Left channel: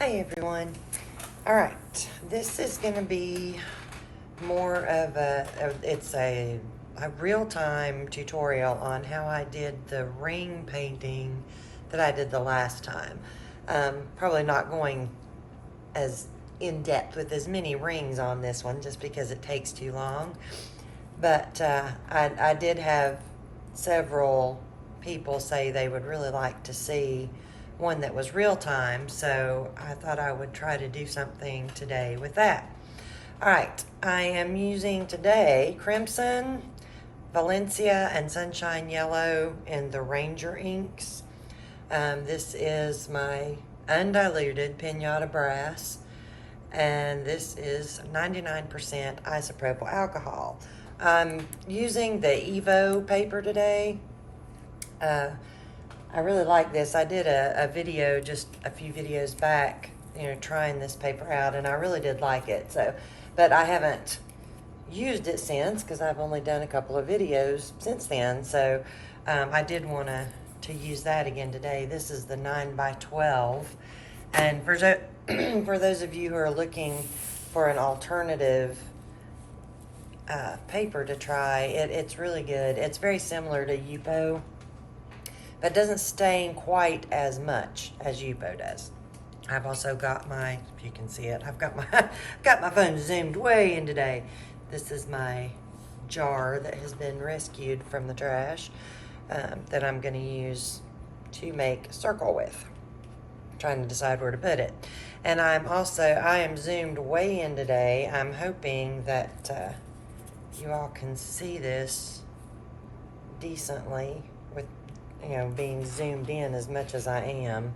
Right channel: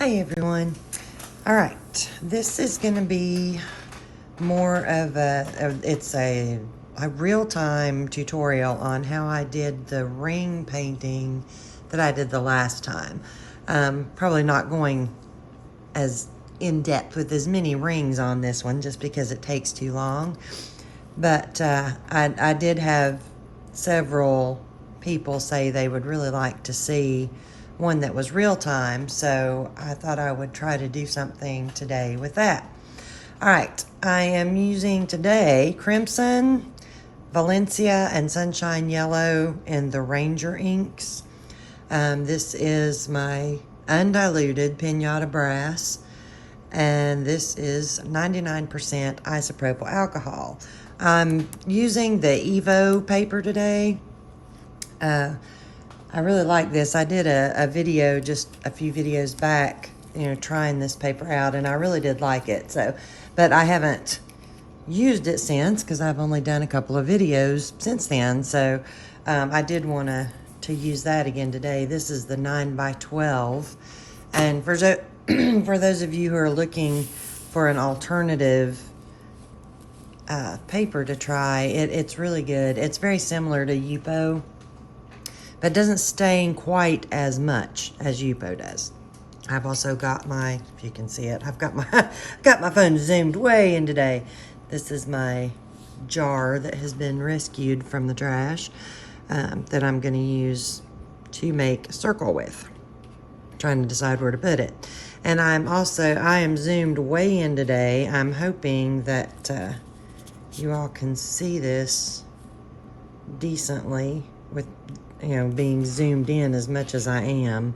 Hi everyone. All right, this is going to be more of a real-time tutorial on how I did the ring painting that I did the last time. Probably not going as in-depth with as many rings on this one just because it takes too long, but I did have several people say they would really like to see one that was real time, so I thought I would try to do something today with that. All right, I am using today Crimson, Valencia, and Sunshine Yellow in the Ranger inks. This is my undiluted Pinata brass, and this is 99% isopropyl alcohol. I'm using the Evo paper today. I really like this. I did a video just a few videos back, trying this paper out, and I really did like it. But I haven't used it since because I've only done a couple of videos since then. So I did want to use that again today. This is the 9x12, and for those of you who are looking for an alternative paper to try, it's really good. It's very similar to Yupo, but doesn't stain quite as much as Yupo does. I've also got if you can see it, I've got my phone zoomed way in today. This is my jar that has been rescued from the trash that I'm going to use to make a circle with. I'm trying to decide where to put it. And I am zoomed way in today. I'm hoping that you all can see this decently with being zoomed in as much as I am.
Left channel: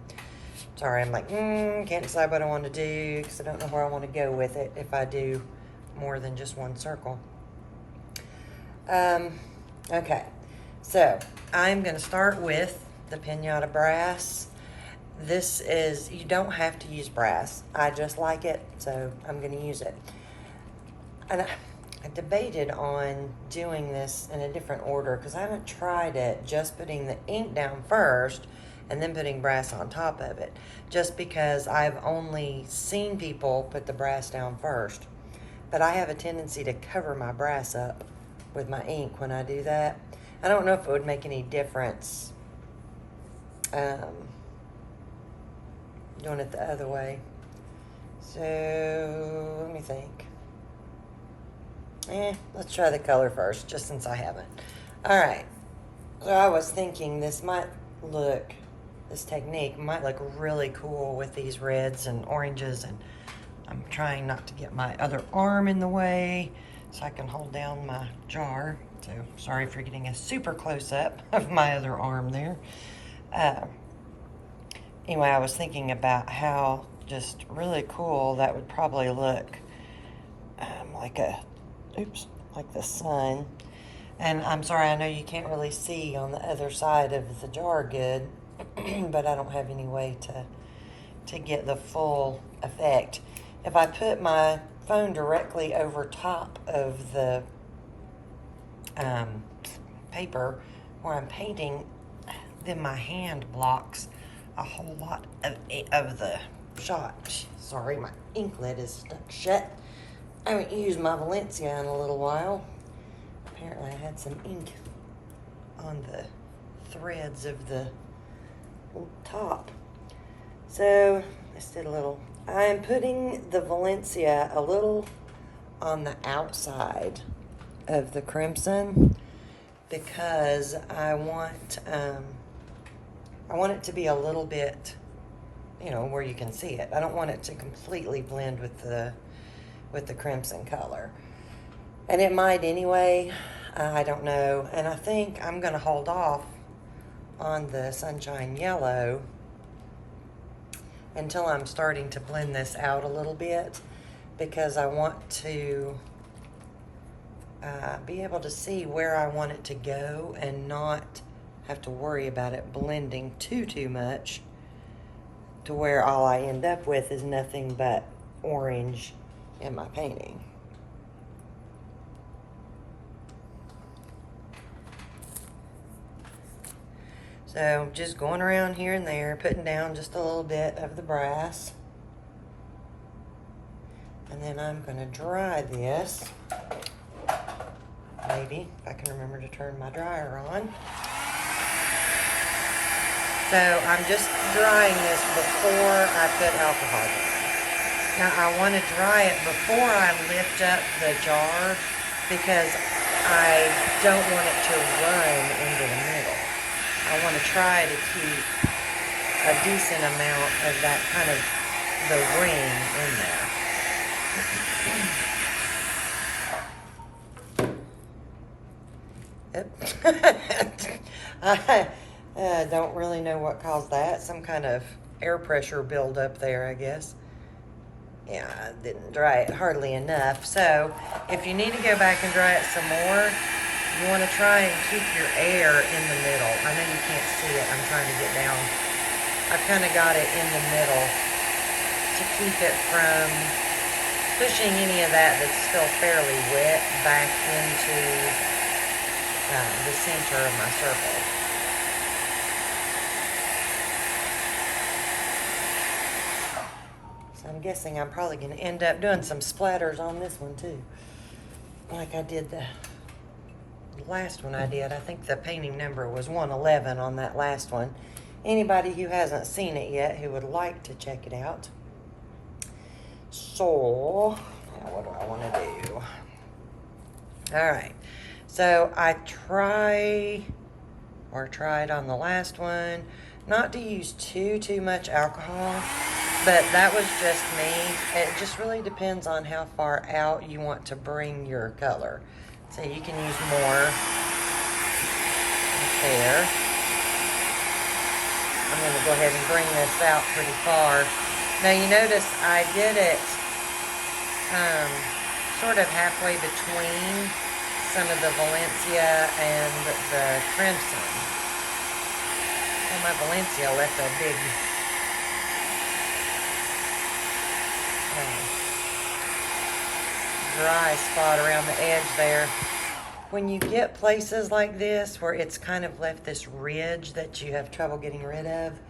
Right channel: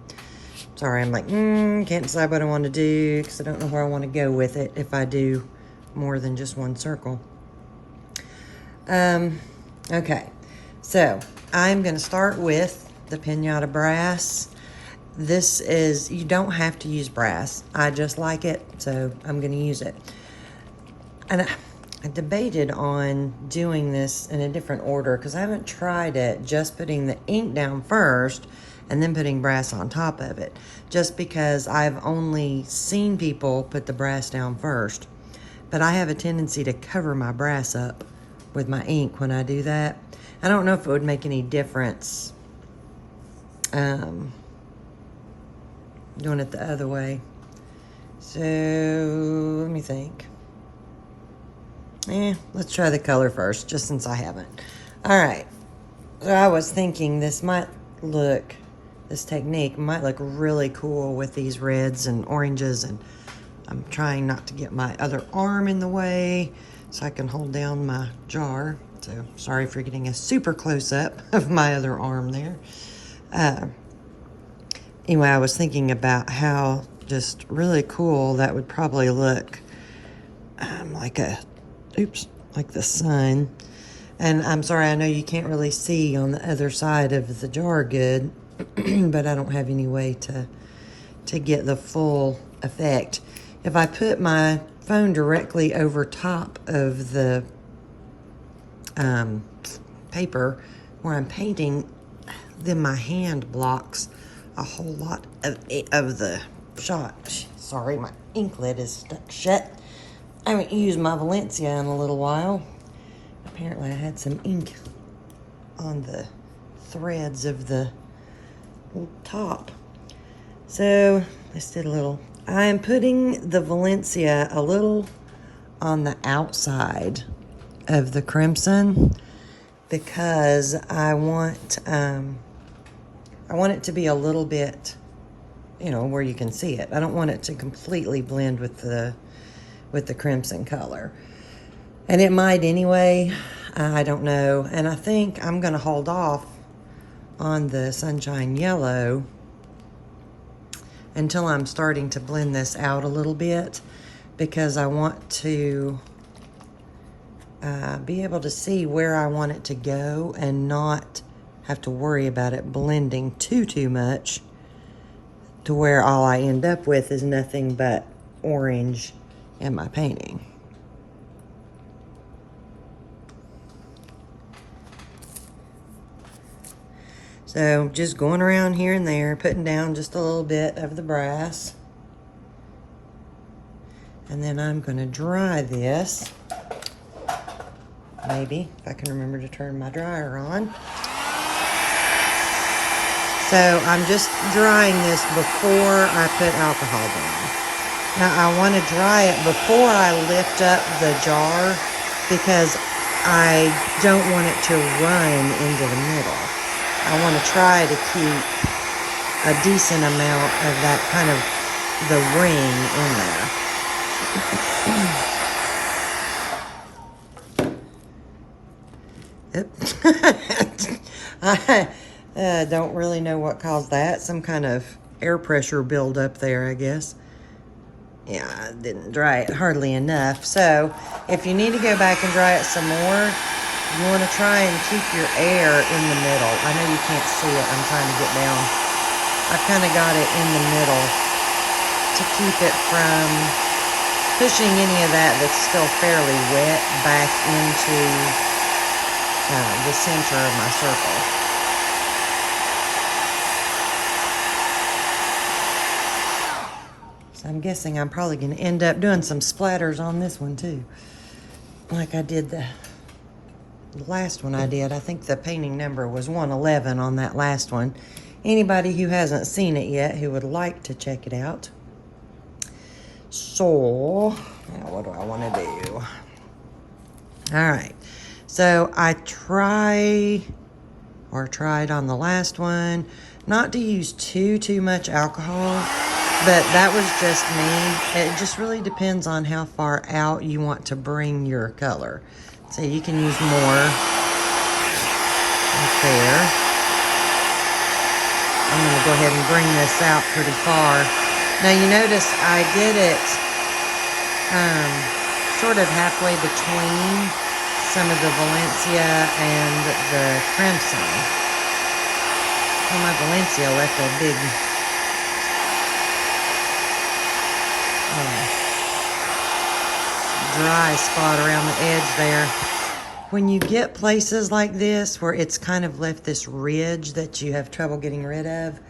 Sorry, I'm like, can't decide what I want to do because I don't know where I want to go with it if I do more than just one circle. Okay, so I'm going to start with the Pinata brass. You don't have to use brass. I just like it, so I'm going to use it. And I debated on doing this in a different order because I haven't tried it just putting the ink down first and then putting brass on top of it, just because I've only seen people put the brass down first. But I have a tendency to cover my brass up with my ink when I do that. I don't know if it would make any difference doing it the other way. So let me think. Let's try the color first, just since I haven't. All right, so I was thinking this technique might look really cool with these reds and oranges, and I'm trying not to get my other arm in the way so I can hold down my jar. So sorry for getting a super close up of my other arm there. Anyway, I was thinking about how just really cool that would probably look like the sun. And I'm sorry, I know you can't really see on the other side of the jar good, but I don't have any way to get the full effect. If I put my phone directly over top of the paper where I'm painting, then my hand blocks a whole lot of the shot. Sorry, my ink lid is stuck shut. I haven't used my Valencia in a little while. Apparently I had some ink on the threads of the top. So I am putting the Valencia a little on the outside of the Crimson because I want it to be a little bit, where you can see it. I don't want it to completely blend with the Crimson color. And it might anyway, I don't know. And I think I'm gonna hold off on the Sunshine Yellow until I'm starting to blend this out a little bit, because I want to be able to see where I want it to go and not have to worry about it blending too much to where all I end up with is nothing but orange in my painting. So just going around here and there, putting down just a little bit of the brass. And then I'm going to dry this. Maybe, if I can remember to turn my dryer on. So I'm just drying this before I put alcohol down. Now I want to dry it before I lift up the jar because I don't want it to run into the middle. I want to try to keep a decent amount of that kind of the ring in there. I don't really know what caused that. Some kind of air pressure buildup there, I guess. Yeah, I didn't dry it hardly enough. So if you need to go back and dry it some more, you want to try and keep your air in the middle. I know you can't see it. I'm trying to get down. I kind of got it in the middle to keep it from pushing any of that that's still fairly wet back into the center of my circle. So I'm guessing I'm probably going to end up doing some splatters on this one too, like I did the last one I did. I think the painting number was 111 on that last one. Anybody who hasn't seen it yet who would like to check it out. So, what do I want to do? All right. So I tried on the last one not to use too much alcohol, but that was just me. It just really depends on how far out you want to bring your color. So you can use more up there. I'm going to go ahead and bring this out pretty far. Now you notice I did it sort of halfway between some of the Valencia and the Crimson. Oh, my Valencia left a big dry spot around the edge there. When you get places like this where it's kind of left this ridge that you have trouble getting rid of,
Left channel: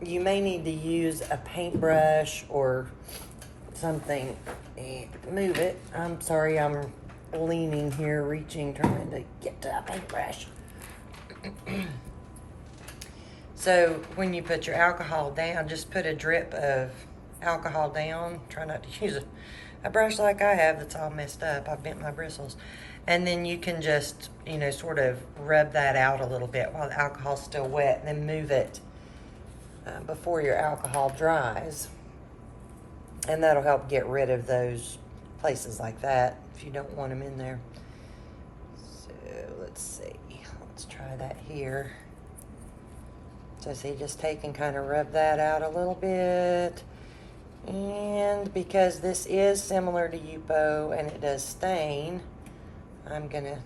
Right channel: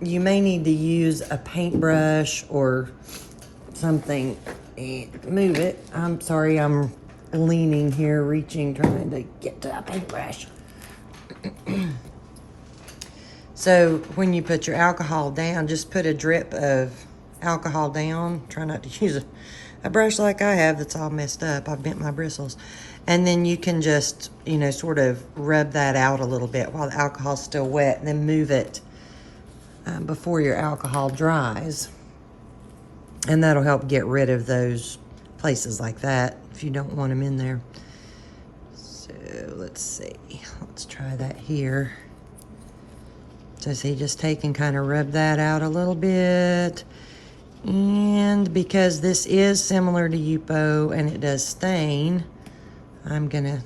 you may need to use a paintbrush or something. Move it. I'm sorry, I'm leaning here, reaching, trying to get to a paintbrush. So when you put your alcohol down, just put a drip of alcohol down. Try not to use a brush like I have that's all messed up. I've bent my bristles. And then you can just, you know, sort of rub that out a little bit while the alcohol's still wet. Then move it before your alcohol dries. And that'll help get rid of those places like that if you don't want them in there. So let's see. Let's try that here. So see, just take and kind of rub that out a little bit. And because this is similar to Yupo and it does stain, I'm gonna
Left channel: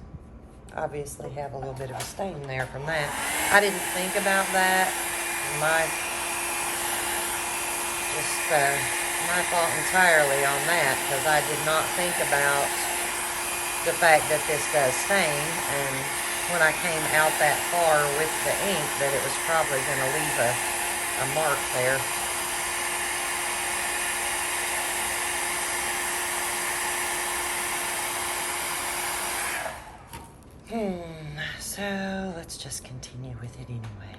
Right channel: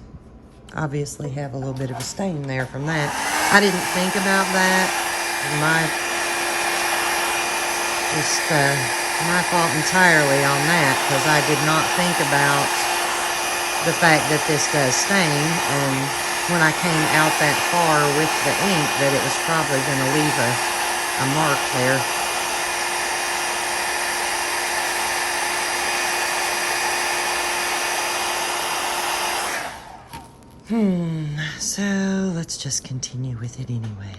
obviously have a little bit of a stain there from that. I didn't think about that. My fault entirely on that, because I did not think about the fact that this does stain, and when I came out that far with the ink, that it was probably going to leave a mark there. So let's just continue with it anyway.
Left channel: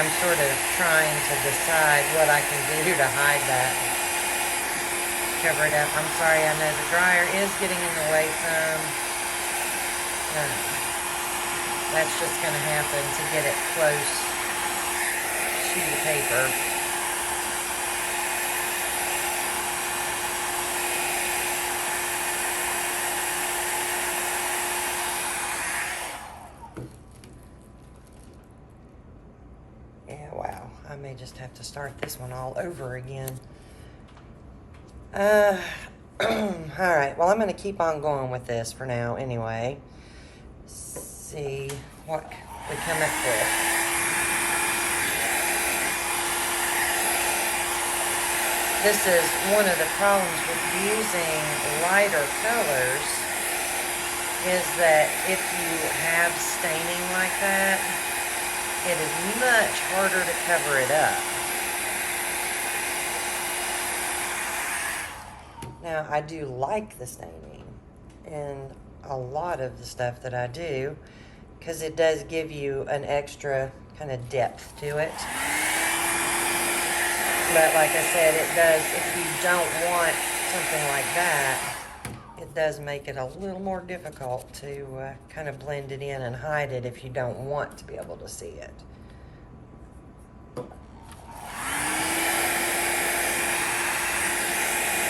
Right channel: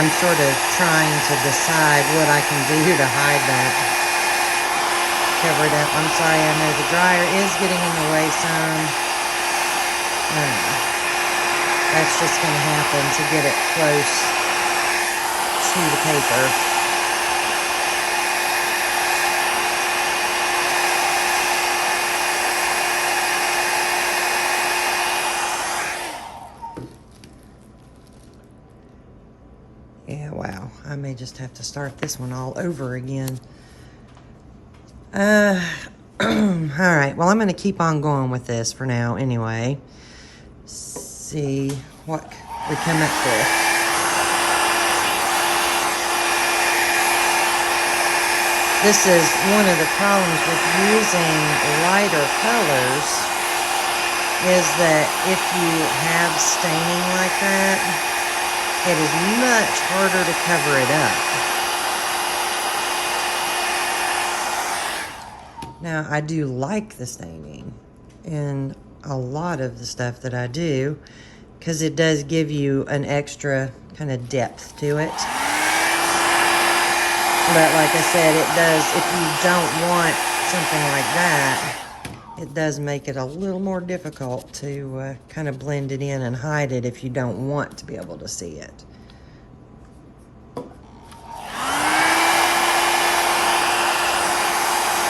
I'm sort of trying to decide what I can do to hide that covered up. I'm sorry, I know the dryer is getting in the way some. Yeah. That's just going to happen to get it close to the paper. Just have to start this one all over again. All right, well, I'm going to keep on going with this for now anyway. See what we come up with. This is one of the problems with using lighter colors, is that if you have staining like that, it is much harder to cover it up. Now, I do like the staining in a lot of the stuff that I do, because it does give you an extra kind of depth to it. But like I said, it does, if you don't want something like that, it does make it a little more difficult to kind of blend it in and hide it if you don't want to be able to see it.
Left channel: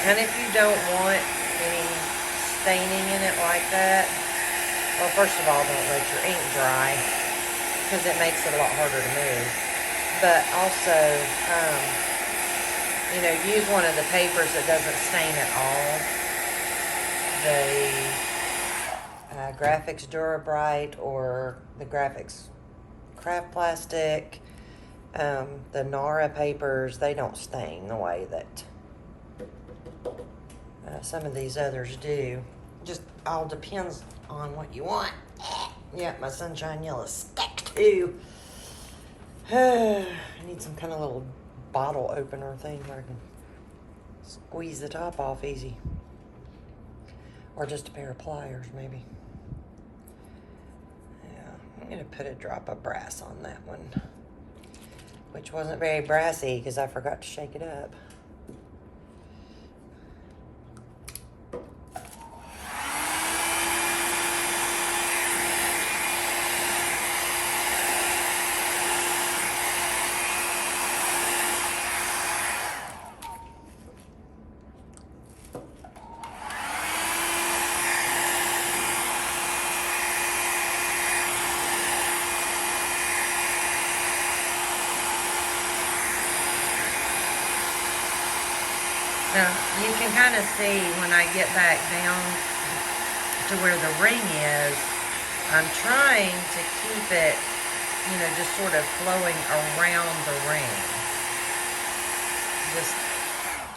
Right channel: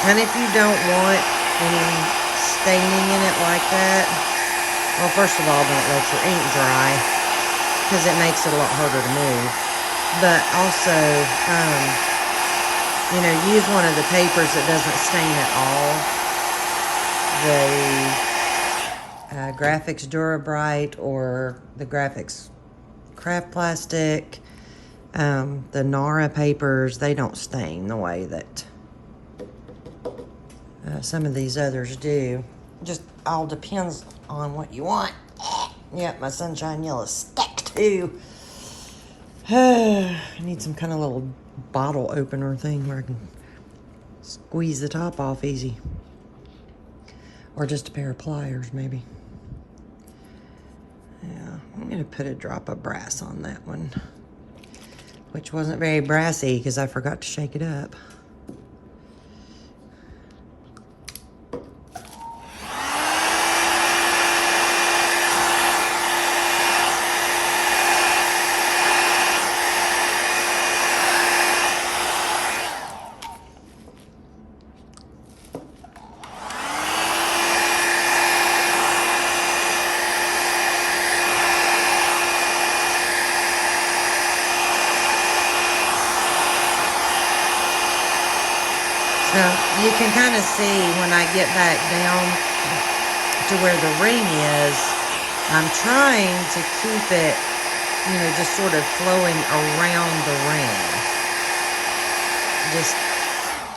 And if you don't want any staining in it like that, well, first of all, don't let your ink dry, because it makes it a lot harder to move. But also, you know, use one of the papers that doesn't stain at all. The Graphics Durabrite or the Graphics Craft Plastic, the Nara papers, they don't stain the way that some of these others do. Just all depends on what you want. Yeah, my Sunshine Yellow stuck too. I need some kind of little bottle opener thing where I can squeeze the top off easy. Or just a pair of pliers, maybe. Yeah, I'm gonna put a drop of brass on that one, which wasn't very brassy because I forgot to shake it up. So you can kind of see when I get back down to where the ring is, I'm trying to keep it, you know, just sort of flowing around the ring. Just,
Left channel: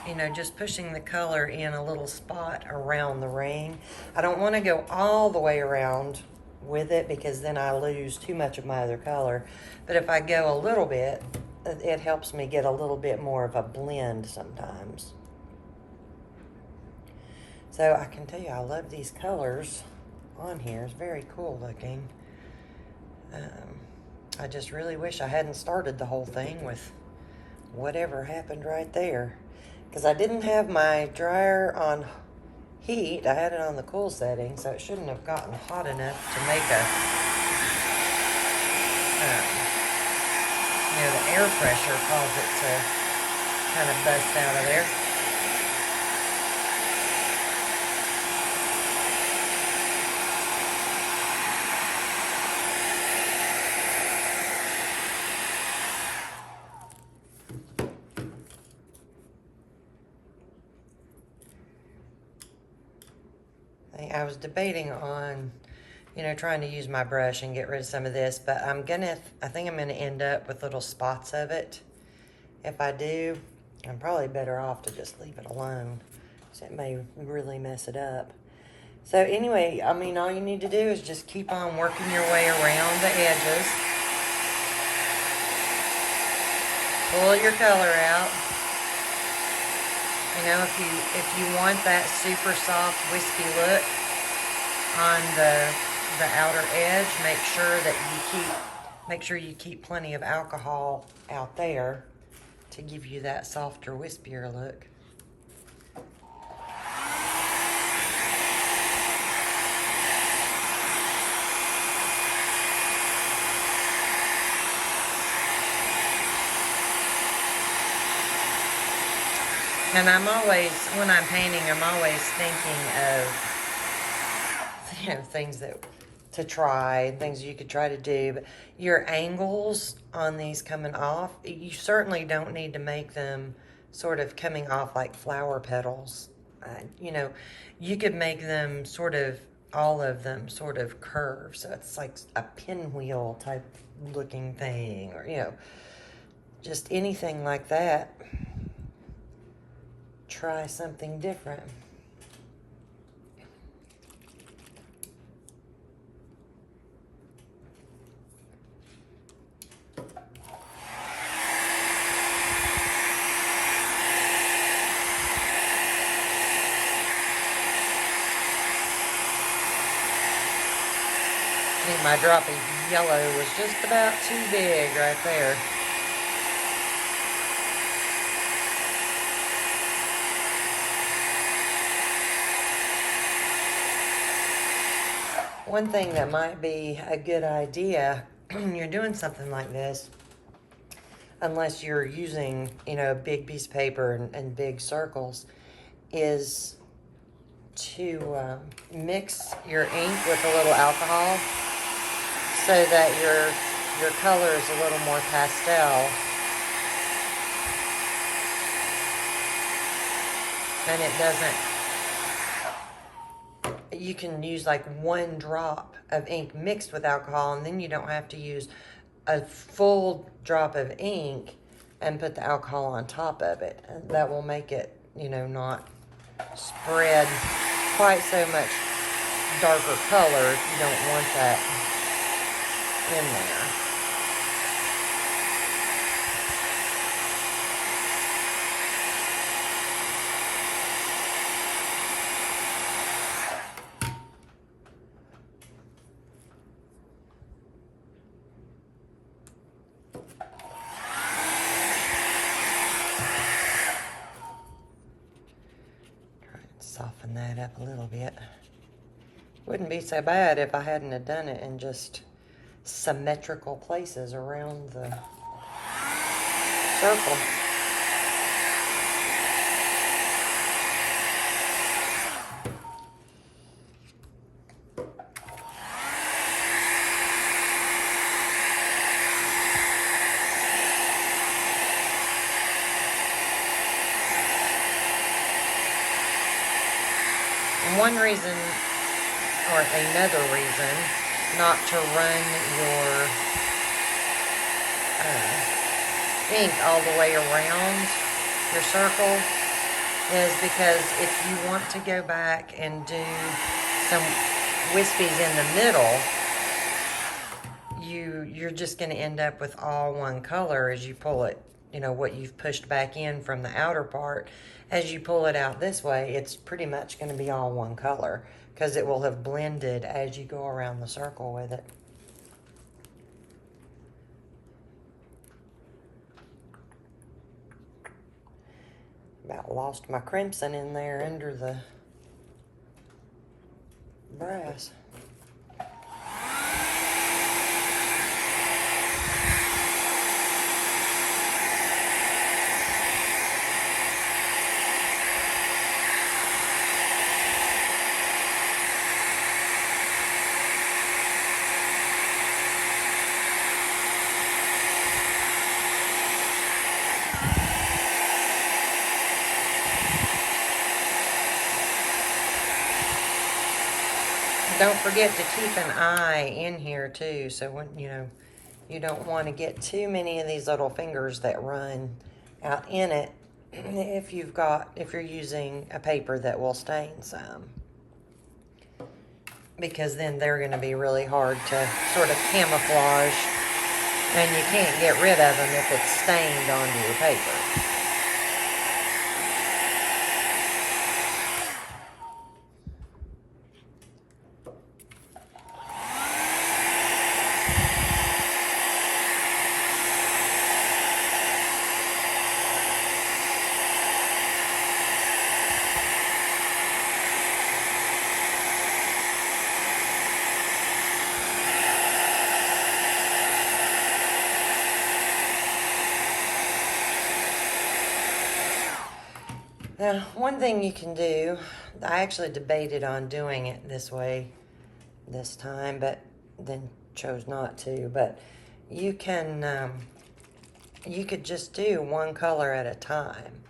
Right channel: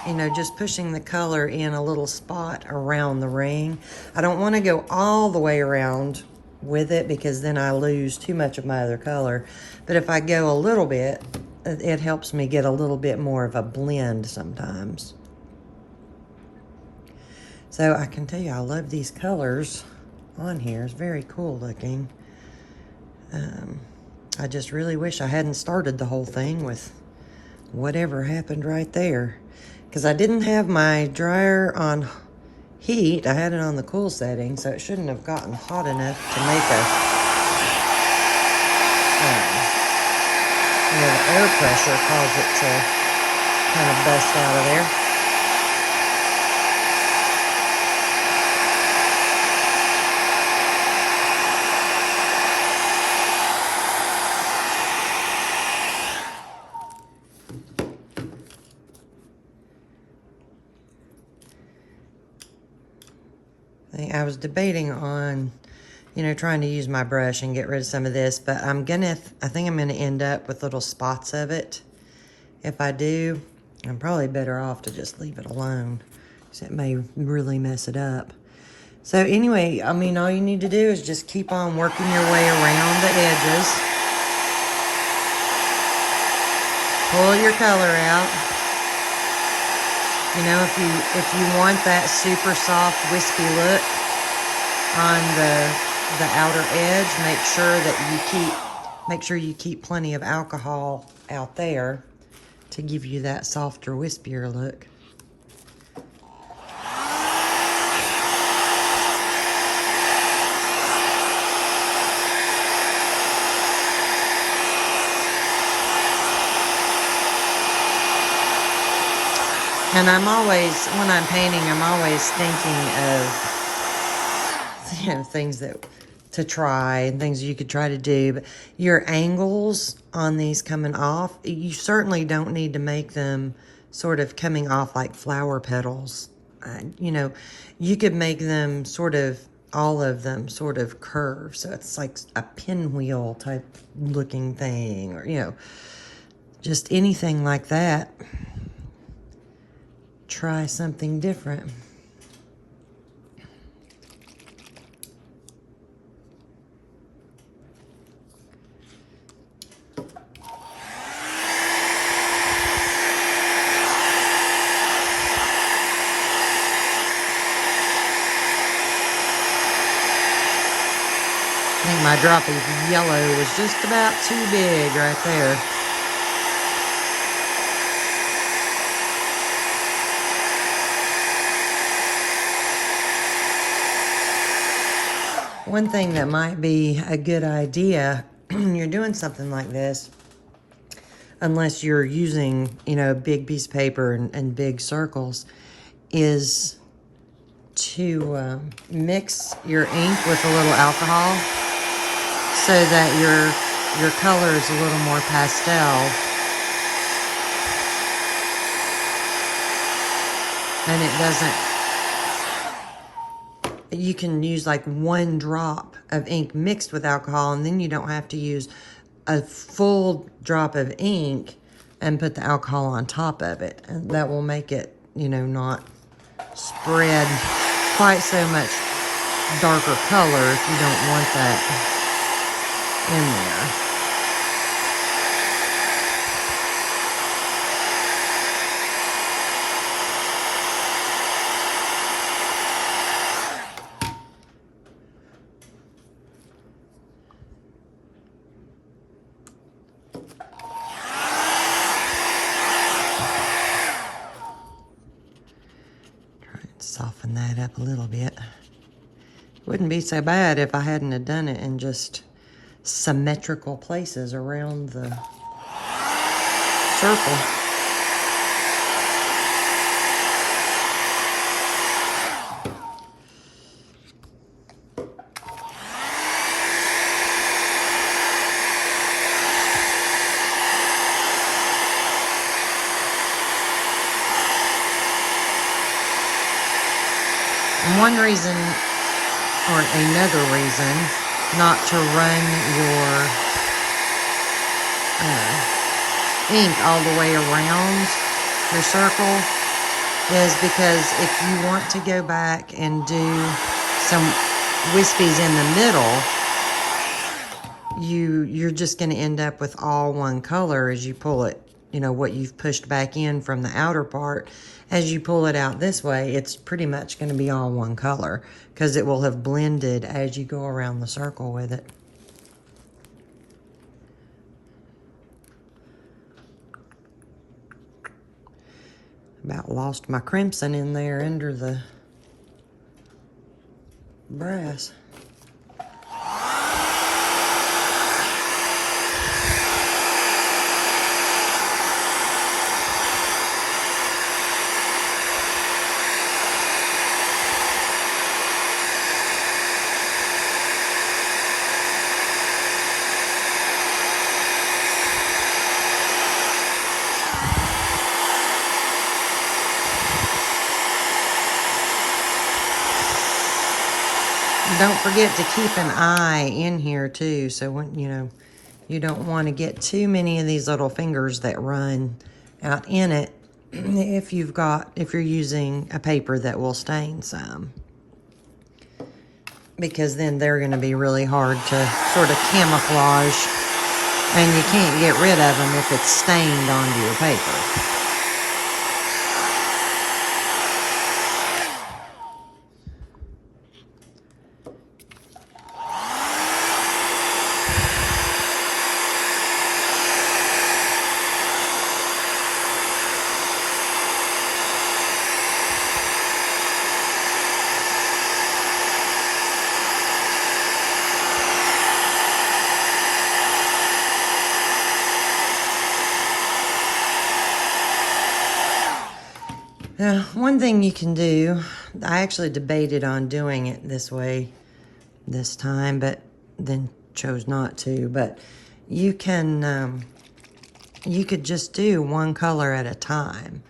you know, just pushing the color in a little spot around the ring. I don't want to go all the way around with it because then I lose too much of my other color. But if I go a little bit, it helps me get a little bit more of a blend sometimes. So I can tell you, I love these colors on here. It's very cool looking. I just really wish I hadn't started the whole thing with whatever happened right there. Because I didn't have my dryer on heat. I had it on the cool setting, so it shouldn't have gotten hot enough to make a, you know, air pressure caused it to kind of bust out of there. I was debating on, you know, trying to use my brush and get rid of some of this, but I think I'm gonna end up with little spots of it. If I do, I'm probably better off to just leave it alone, because it may really mess it up. So anyway, I mean, all you need to do is just keep on working your way around the edges. Pull your color out. You know, if you want that super soft, wispy look on the outer edge, make sure you keep plenty of alcohol out there to give you that softer, wispier look. And I'm always, when I'm painting, I'm always thinking of, you know, things to try and things you could try to do. But your angles on these coming off, you certainly don't need to make them sort of coming off like flower petals. You know, you could make them sort of, all of them sort of curve. So it's like a pinwheel type looking thing, or, you know, just anything like that. Try something different. drop of yellow was just about too big right there. One thing that might be a good idea when you're doing something like this, unless you're using, you know, a big piece of paper and big circles, is to mix your ink with a little alcohol so that your color is a little more pastel. And it doesn't, you can use like 1 drop of ink mixed with alcohol, and then you don't have to use a full drop of ink and put the alcohol on top of it. And that will make it, you know, not spread quite so much darker color if you don't want that in there. Soften that up a little bit. Wouldn't be so bad if I hadn't have done it in just symmetrical places around the circle. And one reason, or another reason, not to run your ink all the way around your circle is because if you want to go back and do some wispies in the middle, you're just going to end up with all one color as you pull it, you know, what you've pushed back in from the outer part. As you pull it out this way, it's pretty much going to be all one color because it will have blended as you go around the circle with it. About lost my crimson in there under the brass. Don't forget to keep an eye in here too, so when, you know, you don't want to get too many of these little fingers that run out in it if you're using a paper that will stain some, because then they're going to be really hard to sort of camouflage, and you can't get rid of them if it's stained onto your paper. Now, one thing you can do, I actually debated on doing it this way this time, but then chose not to, but you can, you could just do one color at a time.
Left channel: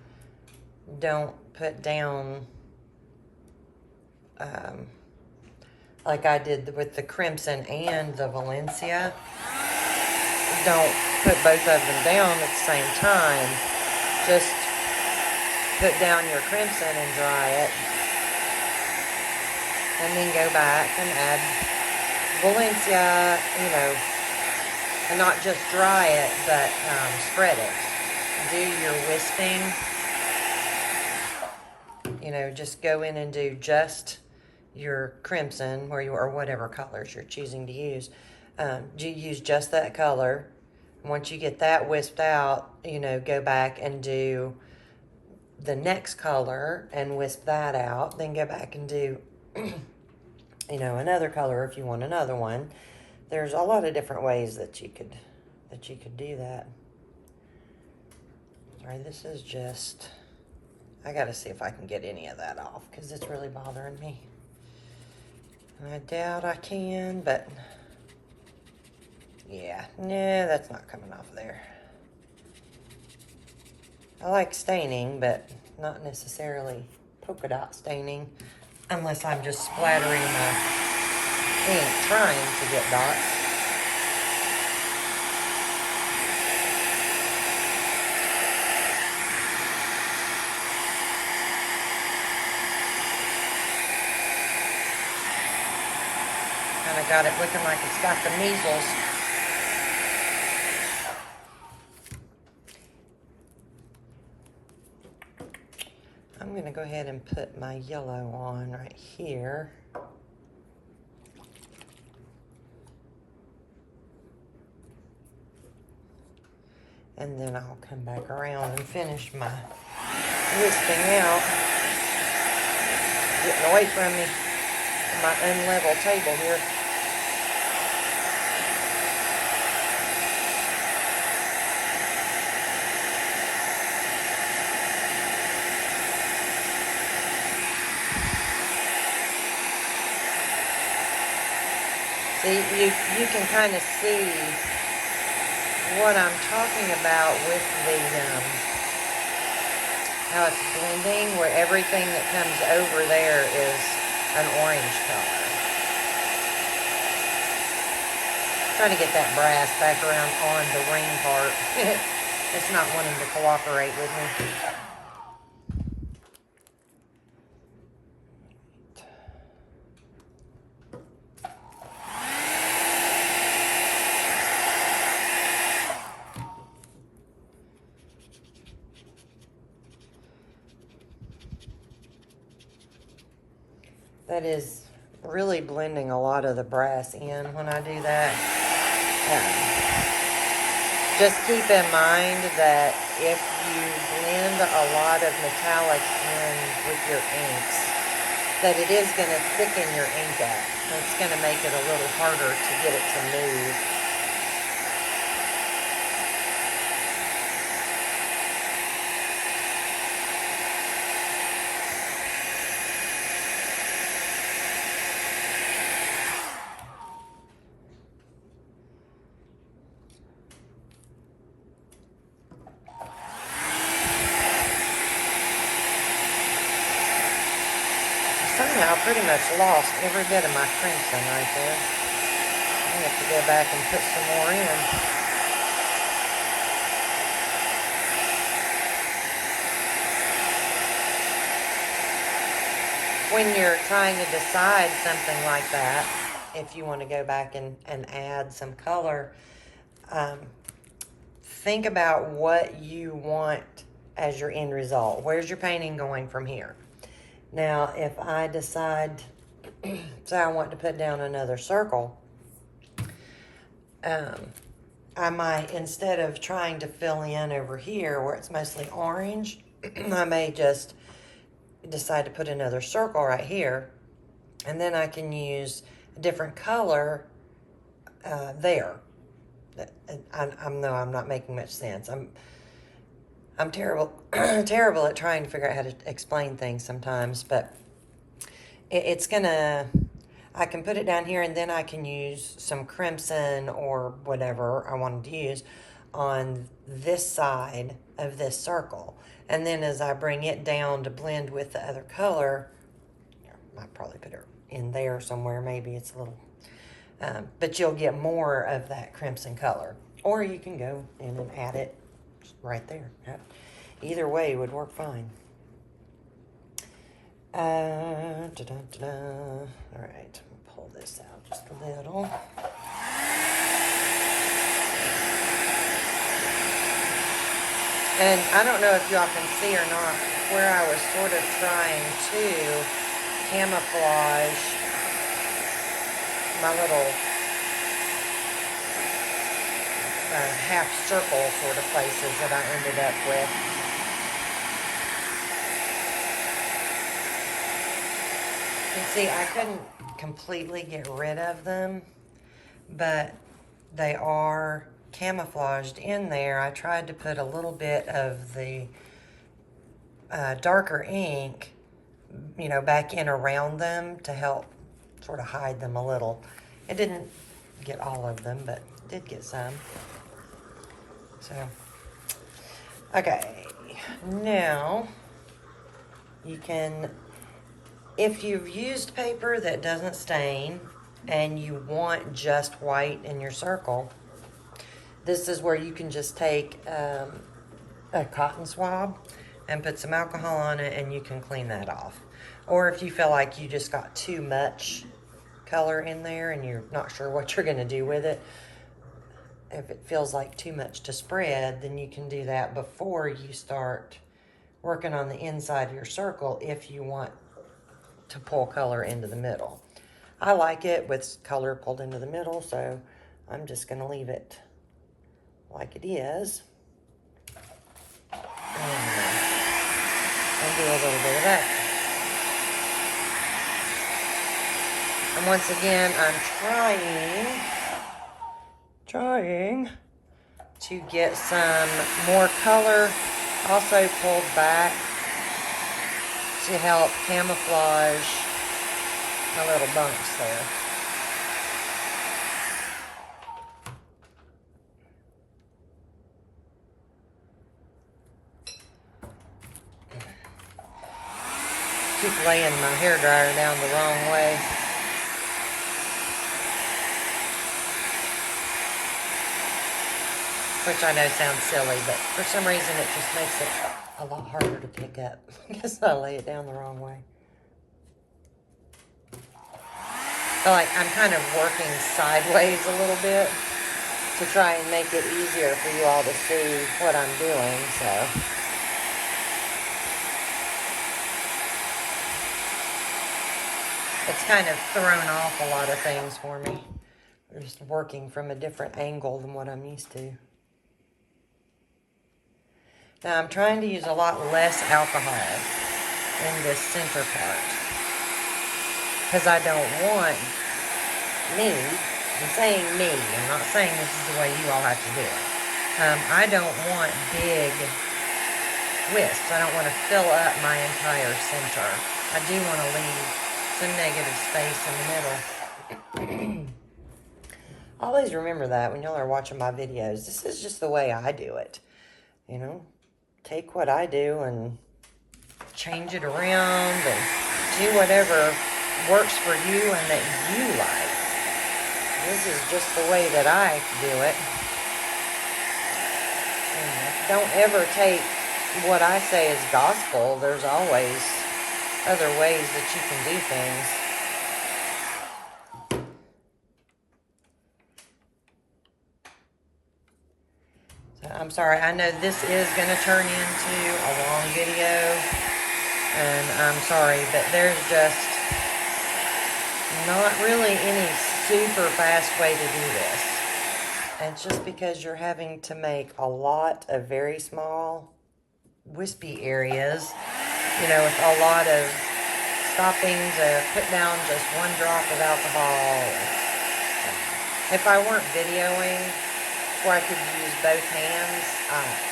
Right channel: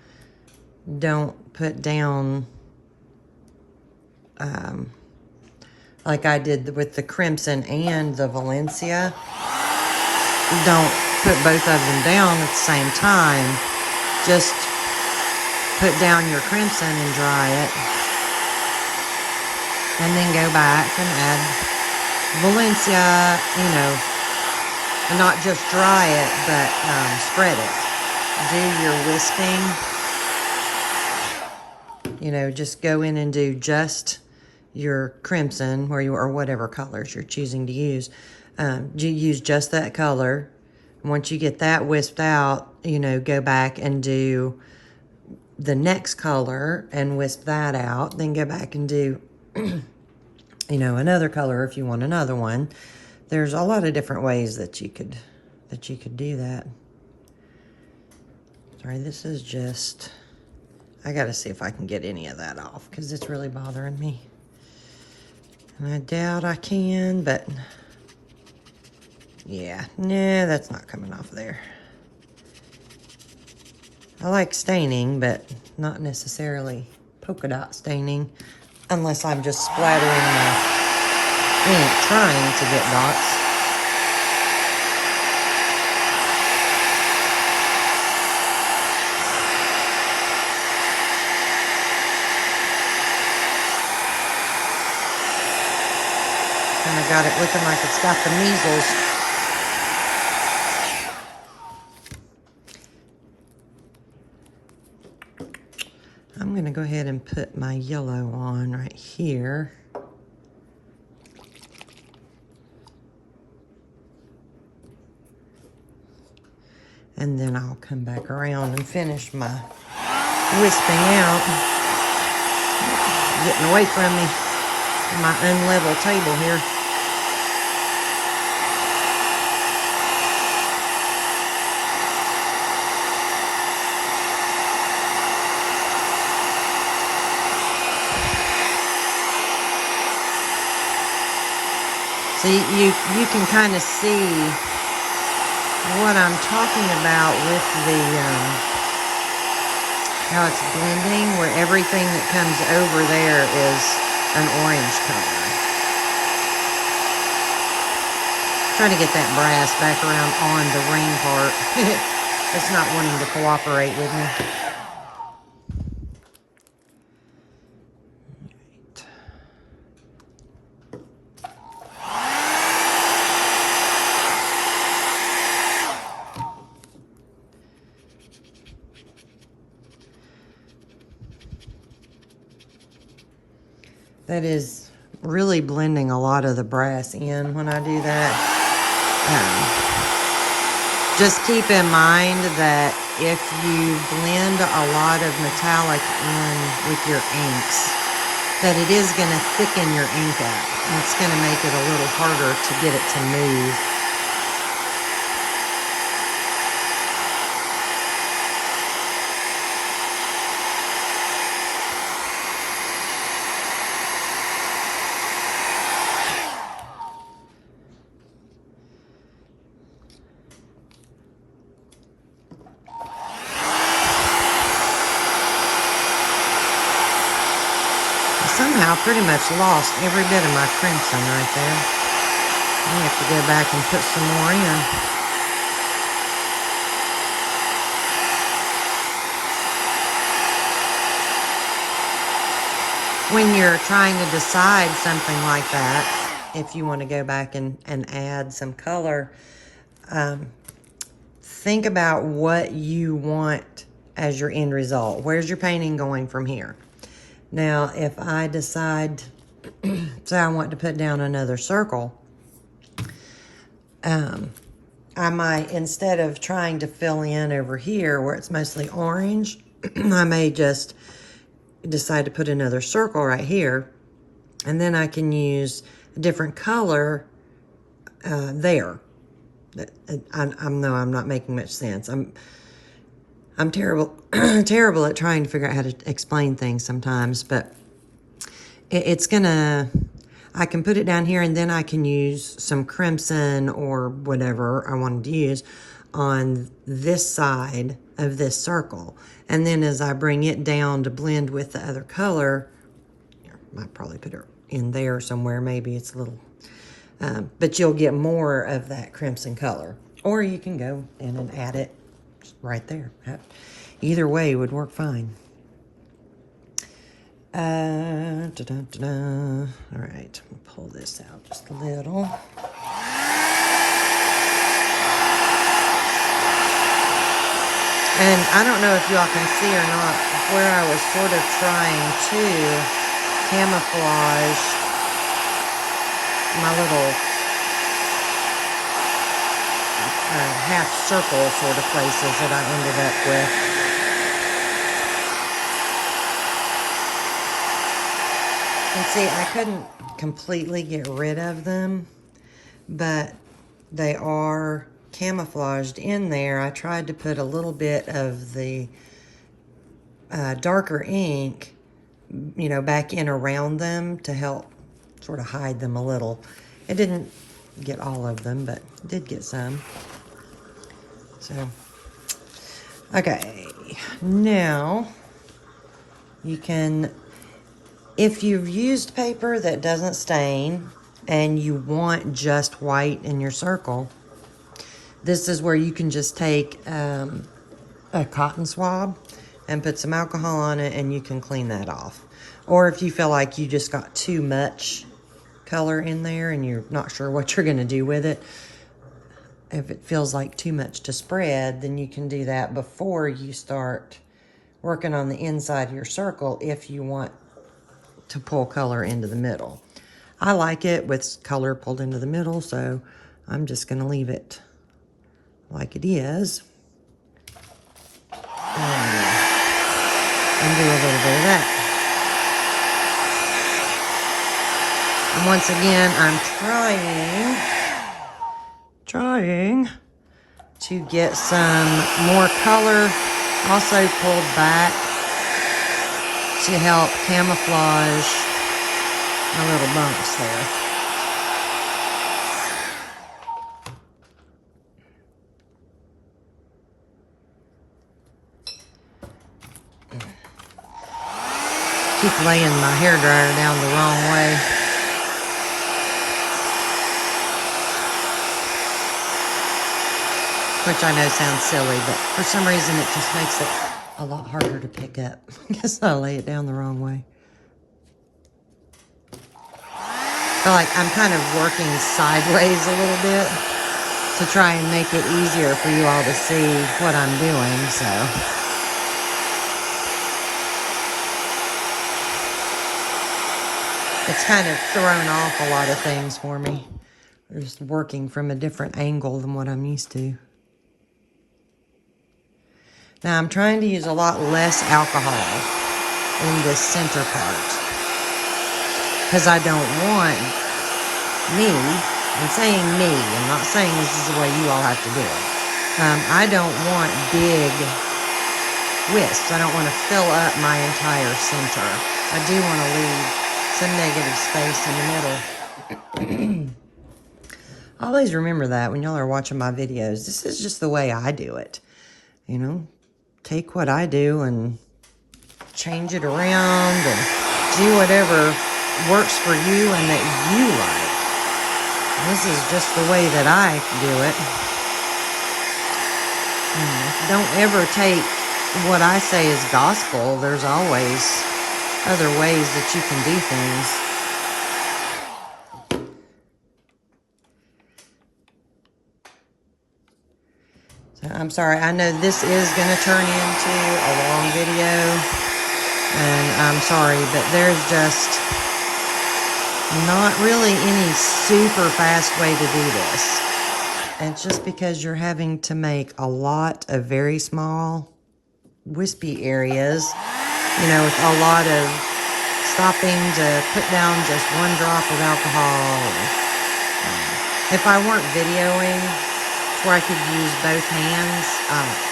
Don't put down, like I did with the crimson and the Valencia. Don't put both of them down at the same time. Just put down your crimson and dry it, and then go back and add Valencia, you know, and not just dry it, but spread it. Do your wisping, you know, just go in and do just your crimson, or whatever colors you're choosing to use, You use just that color. Once you get that wisped out, you know, go back and do the next color and wisp that out. Then go back and do, you know, another color if you want another one. There's a lot of different ways that you could do that. Sorry, this is just, I gotta see if I can get any of that off because it's really bothering me. And I doubt I can, but yeah, nah, that's not coming off there. I like staining, but not necessarily polka dot staining, unless I'm just splattering ink trying to get dots. I got it looking like it's got the measles. I'm going to go ahead and put my yellow on right here. And then I'll come back around and finish my wisping out. Getting away from me, from my unlevel table here. So you can kind of see what I'm talking about with the, how it's blending, where everything that comes over there is an orange color. Trying to get that brass back around on the ring part. It's not wanting to cooperate with me. That is really blending a lot of the brass in when I do that. Just keep in mind that if you blend a lot of metallic in with your inks, that it is going to thicken your ink up. And it's going to make it a little harder to get it to move. Pretty much lost every bit of my crimson right there. I have to go back and put some more in. When you're trying to decide something like that, if you want to go back and add some color, think about what you want as your end result. Where's your painting going from here? Now, if I decide, say I want to put down another circle, I might, instead of trying to fill in over here where it's mostly orange, I may just decide to put another circle right here, and then I can use a different color there. I know I'm not making much sense. I'm terrible, terrible at trying to figure out how to explain things sometimes, but it's gonna, I can put it down here and then I can use some crimson or whatever I wanted to use on this side of this circle. And then as I bring it down to blend with the other color, I might probably put it in there somewhere, maybe it's a little, but you'll get more of that crimson color. Or you can go in and add it right there. Either way would work fine. All right, we'll pull this out just a little. And I don't know if y'all can see or not where I was sort of trying to camouflage my little half circle sort of places that I ended up with. And see, I couldn't completely get rid of them, but they are camouflaged in there. I tried to put a little bit of the darker ink, you know, back in around them to help sort of hide them a little. It didn't get all of them, but it did get some. So, okay, now you can, if you've used paper that doesn't stain and you want just white in your circle, this is where you can just take a cotton swab and put some alcohol on it and you can clean that off. Or if you feel like you just got too much color in there and you're not sure what you're gonna do with it, if it feels like too much to spread, then you can do that before you start working on the inside of your circle if you want to pull color into the middle. I like it with color pulled into the middle, so I'm just gonna leave it like it is. And do a little bit of that. And once again, I'm trying to get some more color also pulled back to help camouflage my little bumps there. Keep laying my hairdryer down the wrong way. Which I know sounds silly, but for some reason it just makes it a lot harder to pick up because I lay it down the wrong way. I feel like I'm kind of working sideways a little bit to try and make it easier for you all to see what I'm doing, so. It's kind of thrown off a lot of things for me. I'm just working from a different angle than what I'm used to. Now I'm trying to use a lot less alcohol in this center part because I don't want me, I'm saying me, I'm not saying this is the way you all have to do it. I don't want big wisps. I don't want to fill up my entire center. I do want to leave some negative space in the middle. Always remember that when y'all are watching my videos. This is just the way I do it. You know, take what I do and change it around and do whatever works for you and that you like. This is just the way that I do it. You know, don't ever take what I say as gospel. There's always other ways that you can do things. So I'm sorry, I know this is going to turn into a long video, and I'm sorry, but there's just not really any super fast way to do this. It's just because you're having to make a lot of very small wispy areas, you know, with a lot of stopping to put down just one drop of alcohol. If I weren't videoing where I could use both hands,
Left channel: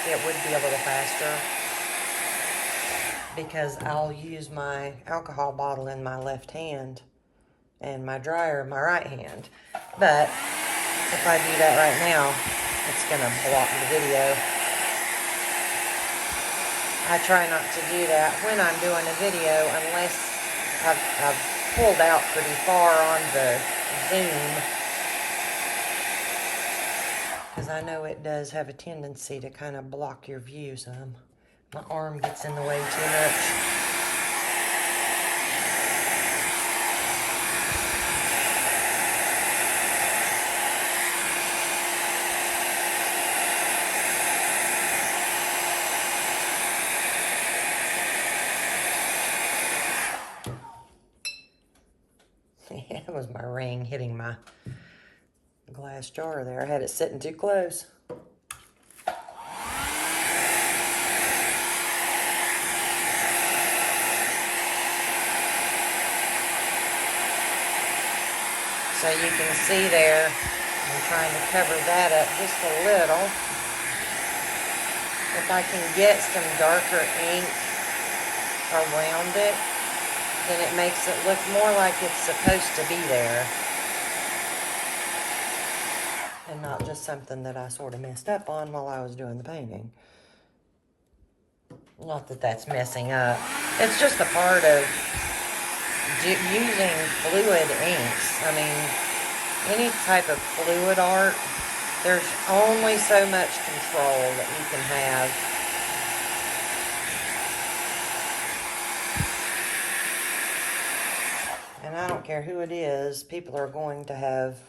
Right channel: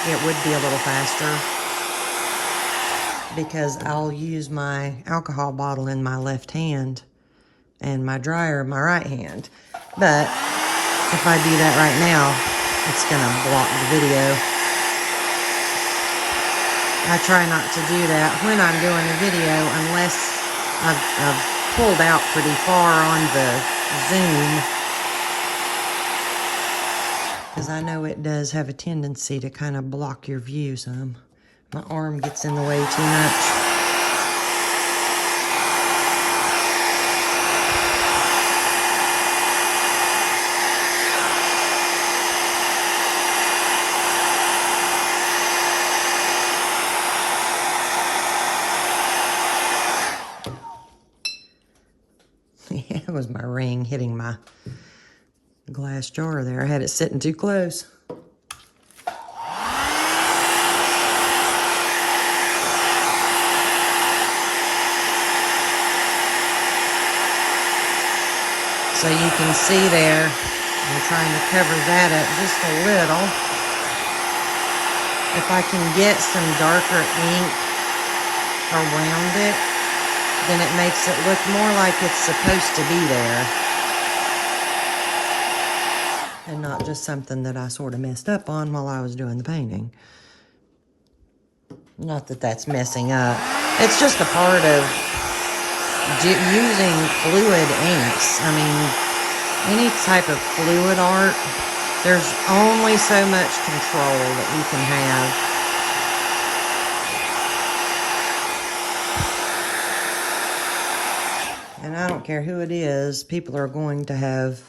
it would be a little faster because I'll use my alcohol bottle in my left hand and my dryer in my right hand. But if I do that right now, it's gonna block the video. I try not to do that when I'm doing a video unless I've pulled out pretty far on the zoom, because I know it does have a tendency to kind of block your view some. My arm gets in the way too much. It was my ring hitting my glass jar there. I had it sitting too close. So you can see there, I'm trying to cover that up just a little. If I can get some darker ink around it, then it makes it look more like it's supposed to be there. And not just something that I sort of messed up on while I was doing the painting. Not that that's messing up. It's just a part of using fluid inks. I mean, any type of fluid art, there's only so much control that you can have. And I don't care who it is, people are going to have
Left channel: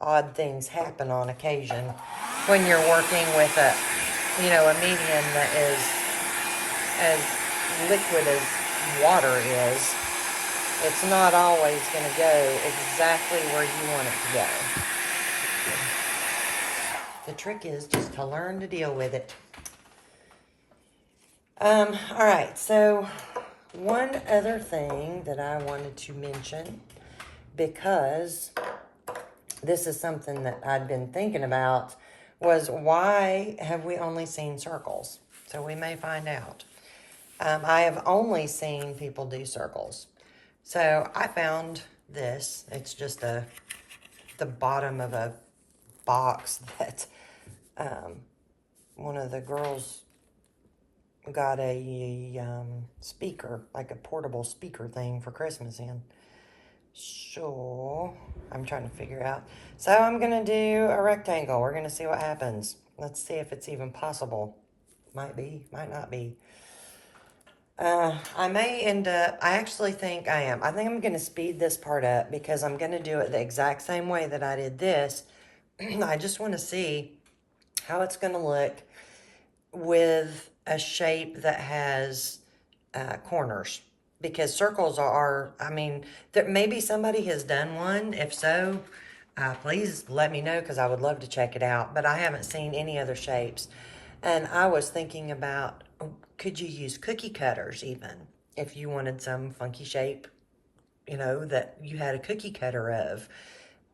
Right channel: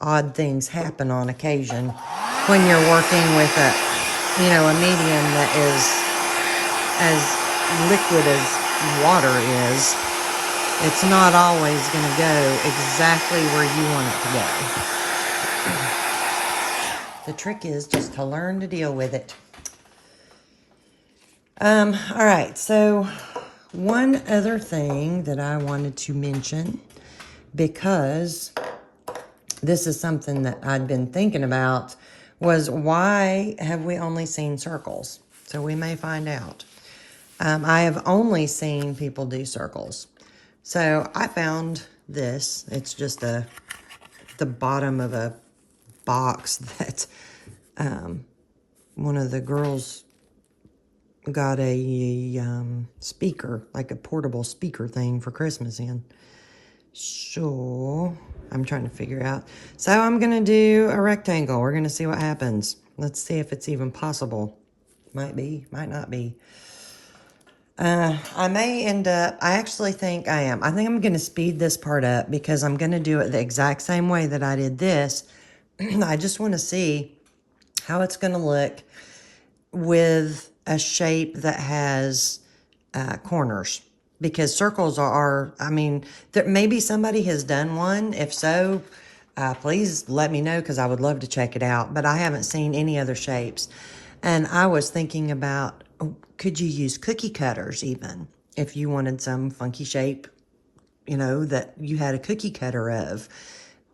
odd things happen on occasion when you're working with a medium that is as liquid as water is. It's not always going to go exactly where you want it to go. The trick is just to learn to deal with it. All right, so one other thing that I wanted to mention, because this is something that I'd been thinking about, was why have we only seen circles? So we may find out. I have only seen people do circles. So I found this. It's just the bottom of a box that one of the girls got a speaker, like a portable speaker thing for Christmas in. So I'm trying to figure out. So I'm going to do a rectangle. We're going to see what happens. Let's see if it's even possible. Might be, might not be. I may end up, I actually think I am. I think I'm going to speed this part up because I'm going to do it the exact same way that I did this. I just want to see how it's going to look with a shape that has corners. Because circles are, I mean, maybe somebody has done one. If so, please let me know because I would love to check it out. But I haven't seen any other shapes. And I was thinking about, could you use cookie cutters even? If you wanted some funky shape, that you had a cookie cutter of.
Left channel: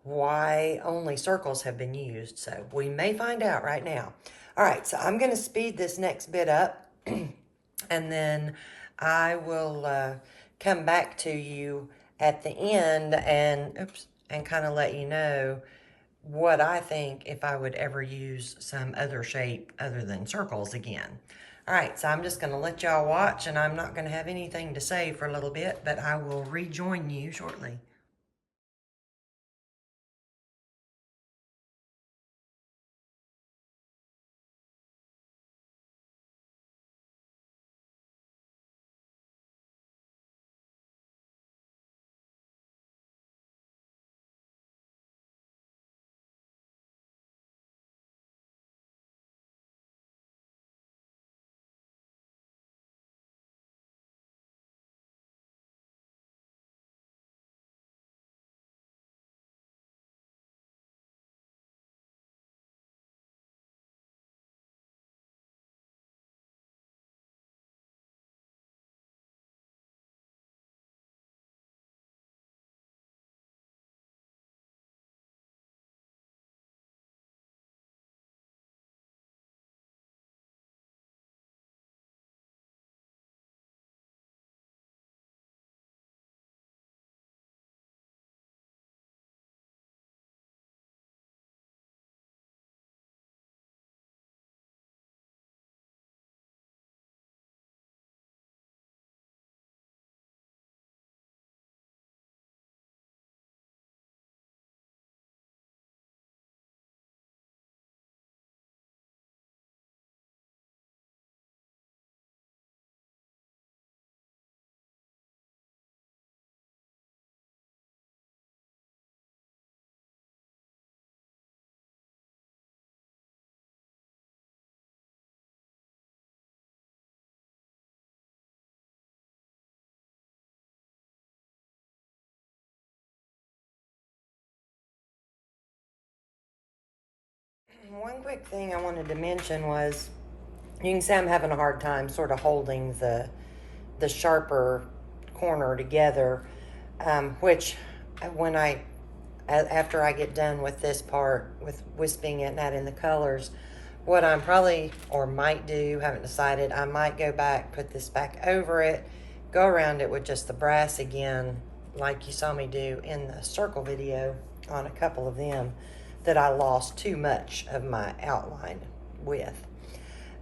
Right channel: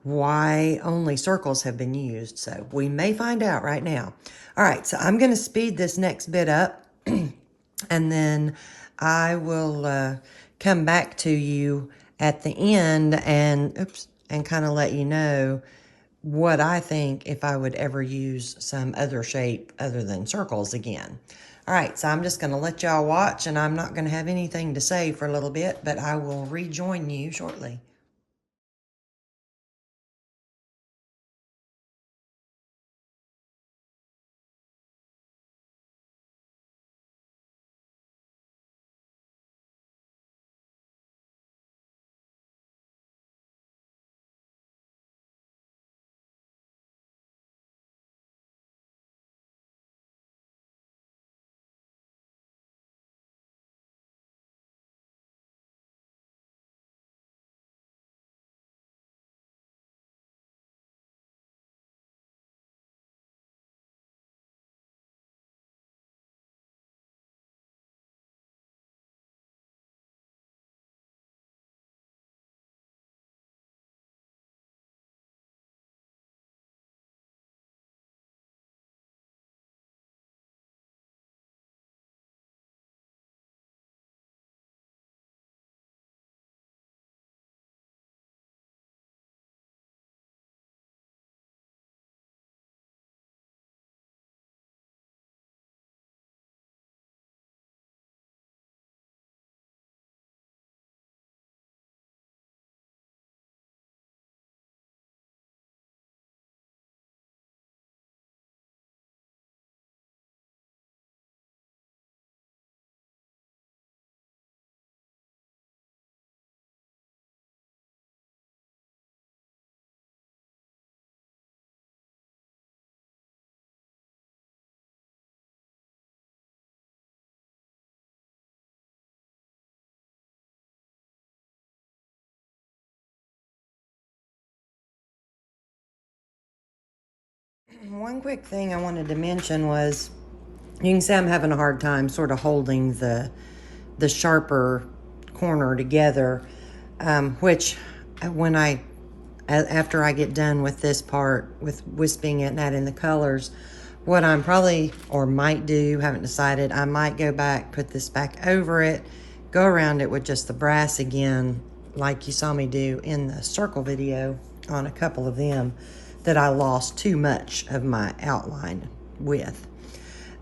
Why only circles have been used. So we may find out right now. All right, so I'm going to speed this next bit up. And then I will come back to you at the end and kind of let you know what I think if I would ever use some other shape other than circles again. All right, so I'm just going to let y'all watch, and I'm not going to have anything to say for a little bit, but I will rejoin you shortly. One quick thing I wanted to mention was, you can see I'm having a hard time sort of holding the sharper corner together, which when I after I get done with this part, with wisping it and adding the colors, what I'm probably, or might do, haven't decided, I might go back, put this back over it, go around it with just the brass again, like you saw me do in the circle video on a couple of them that I lost too much of my outline with.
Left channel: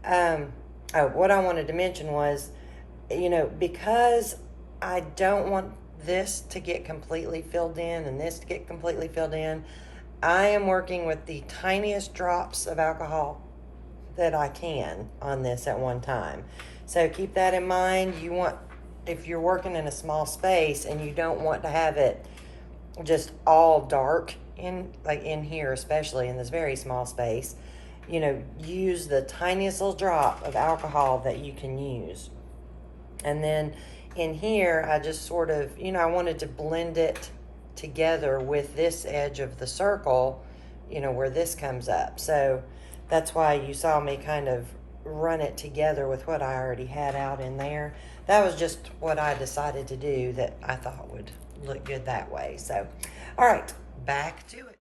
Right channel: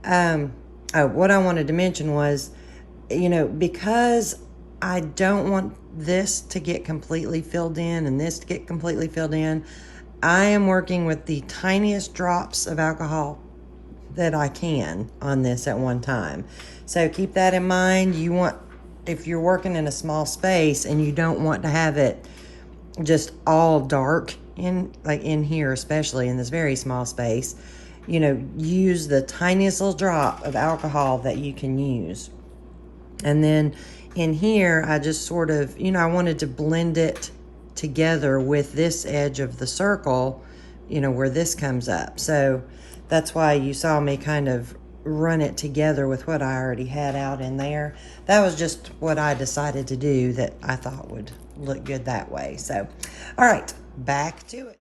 Oh, what I wanted to mention was, because I don't want this to get completely filled in and this to get completely filled in, I am working with the tiniest drops of alcohol that I can on this at one time. So keep that in mind. If you're working in a small space and you don't want to have it just all dark in here, especially in this very small space, use the tiniest little drop of alcohol that you can use. And then in here, I just sort of, I wanted to blend it together with this edge of the circle, where this comes up. So that's why you saw me kind of run it together with what I already had out in there. That was just what I decided to do that I thought would look good that way. So, all right, back to it.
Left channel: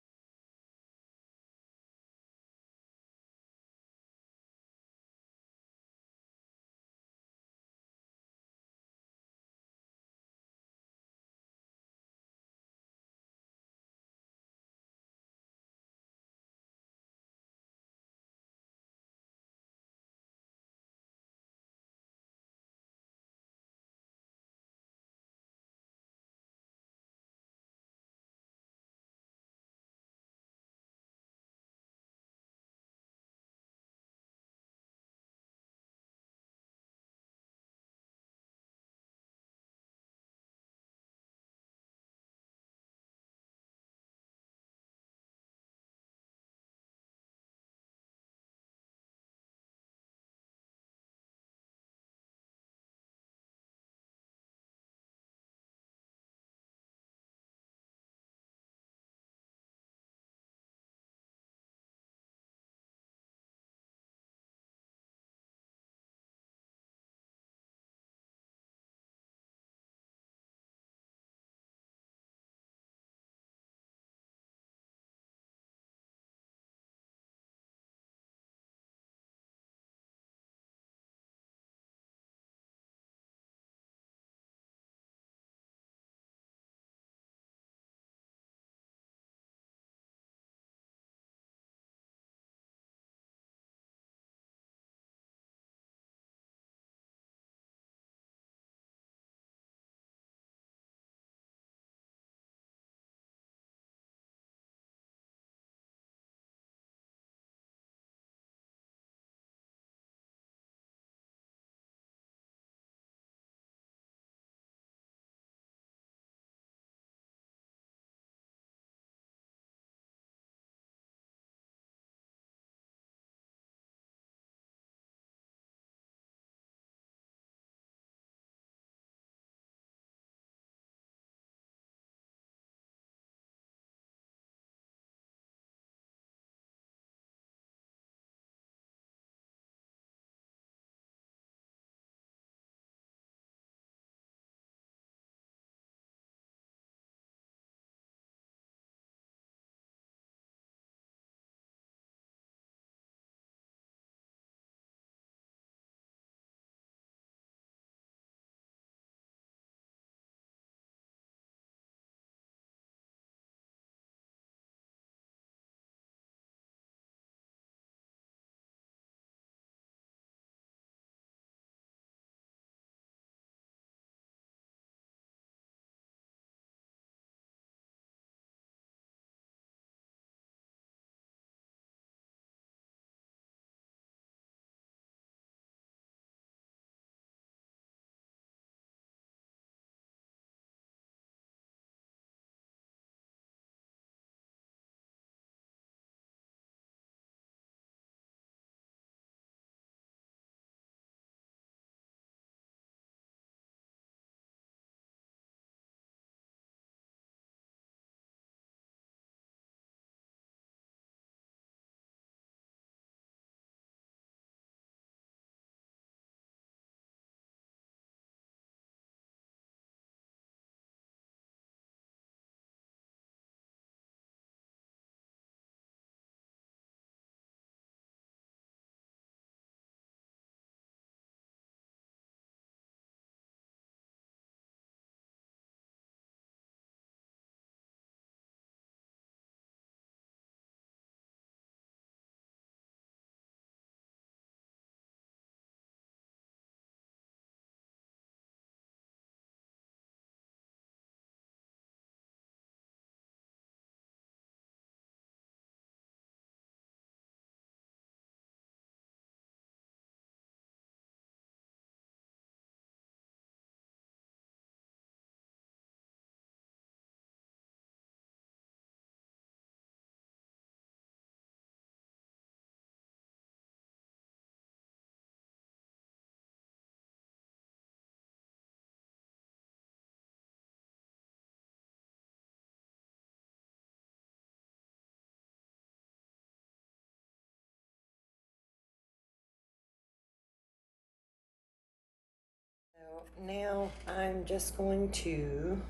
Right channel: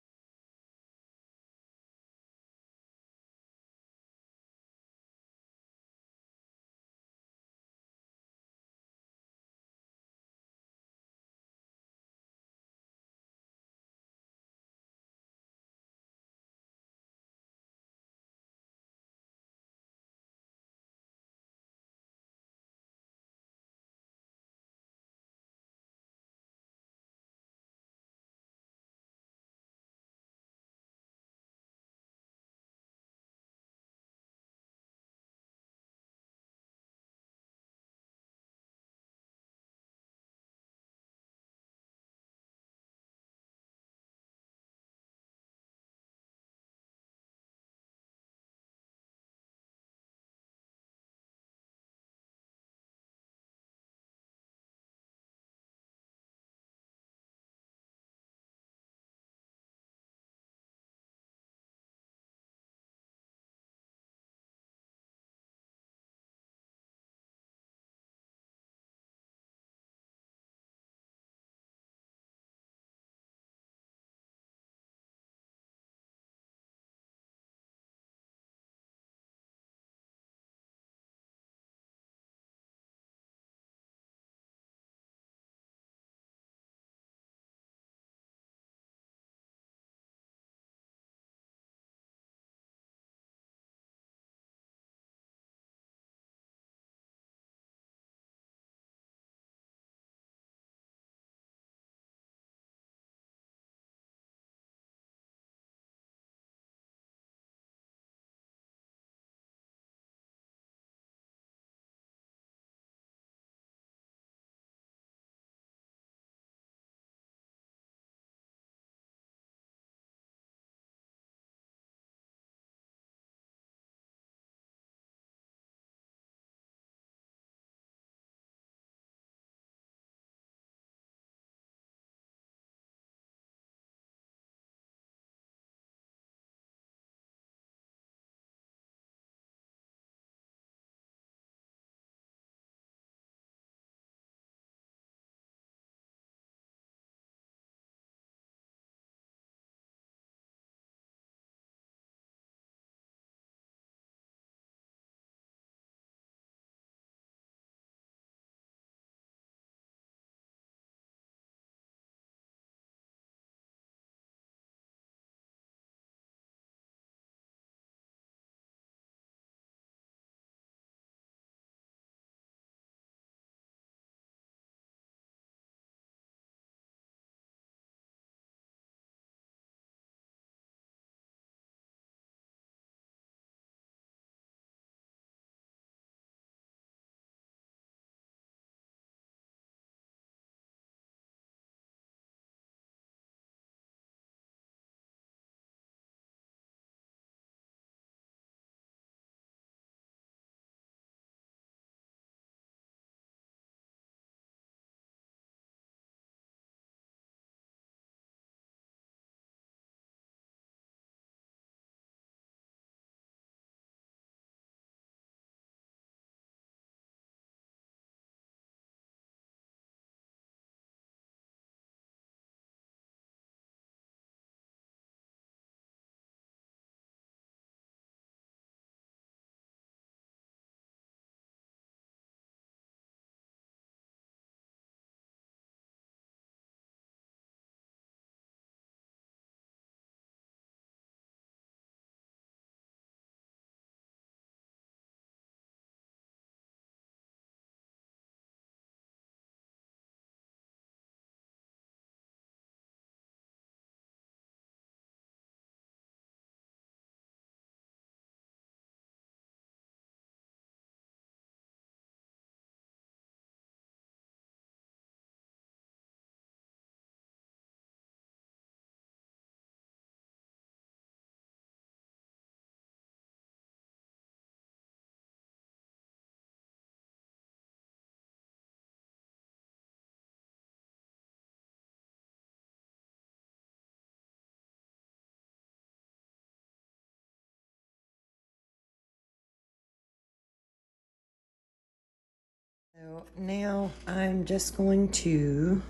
now I'm just going to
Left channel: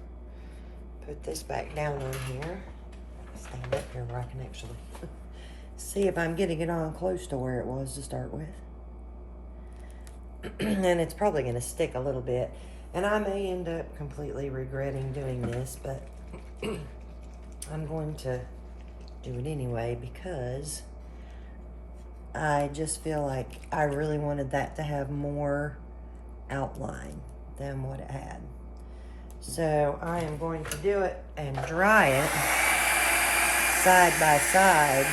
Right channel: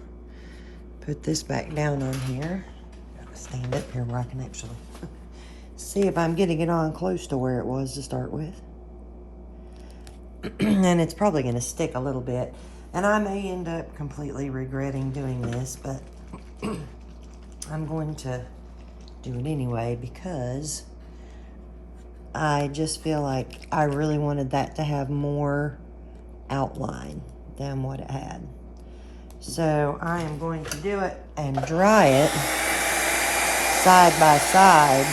put this back down on here. Stand up here where I can actually see if I'm getting it on close to where it was to start with. And it's probably going to stick a little bit. And I may end up completely regretting doing this, but I'm going to do it anyway because I just feel like I really wanted that to have more outline than what it had. So I am going to do it and dry it side by side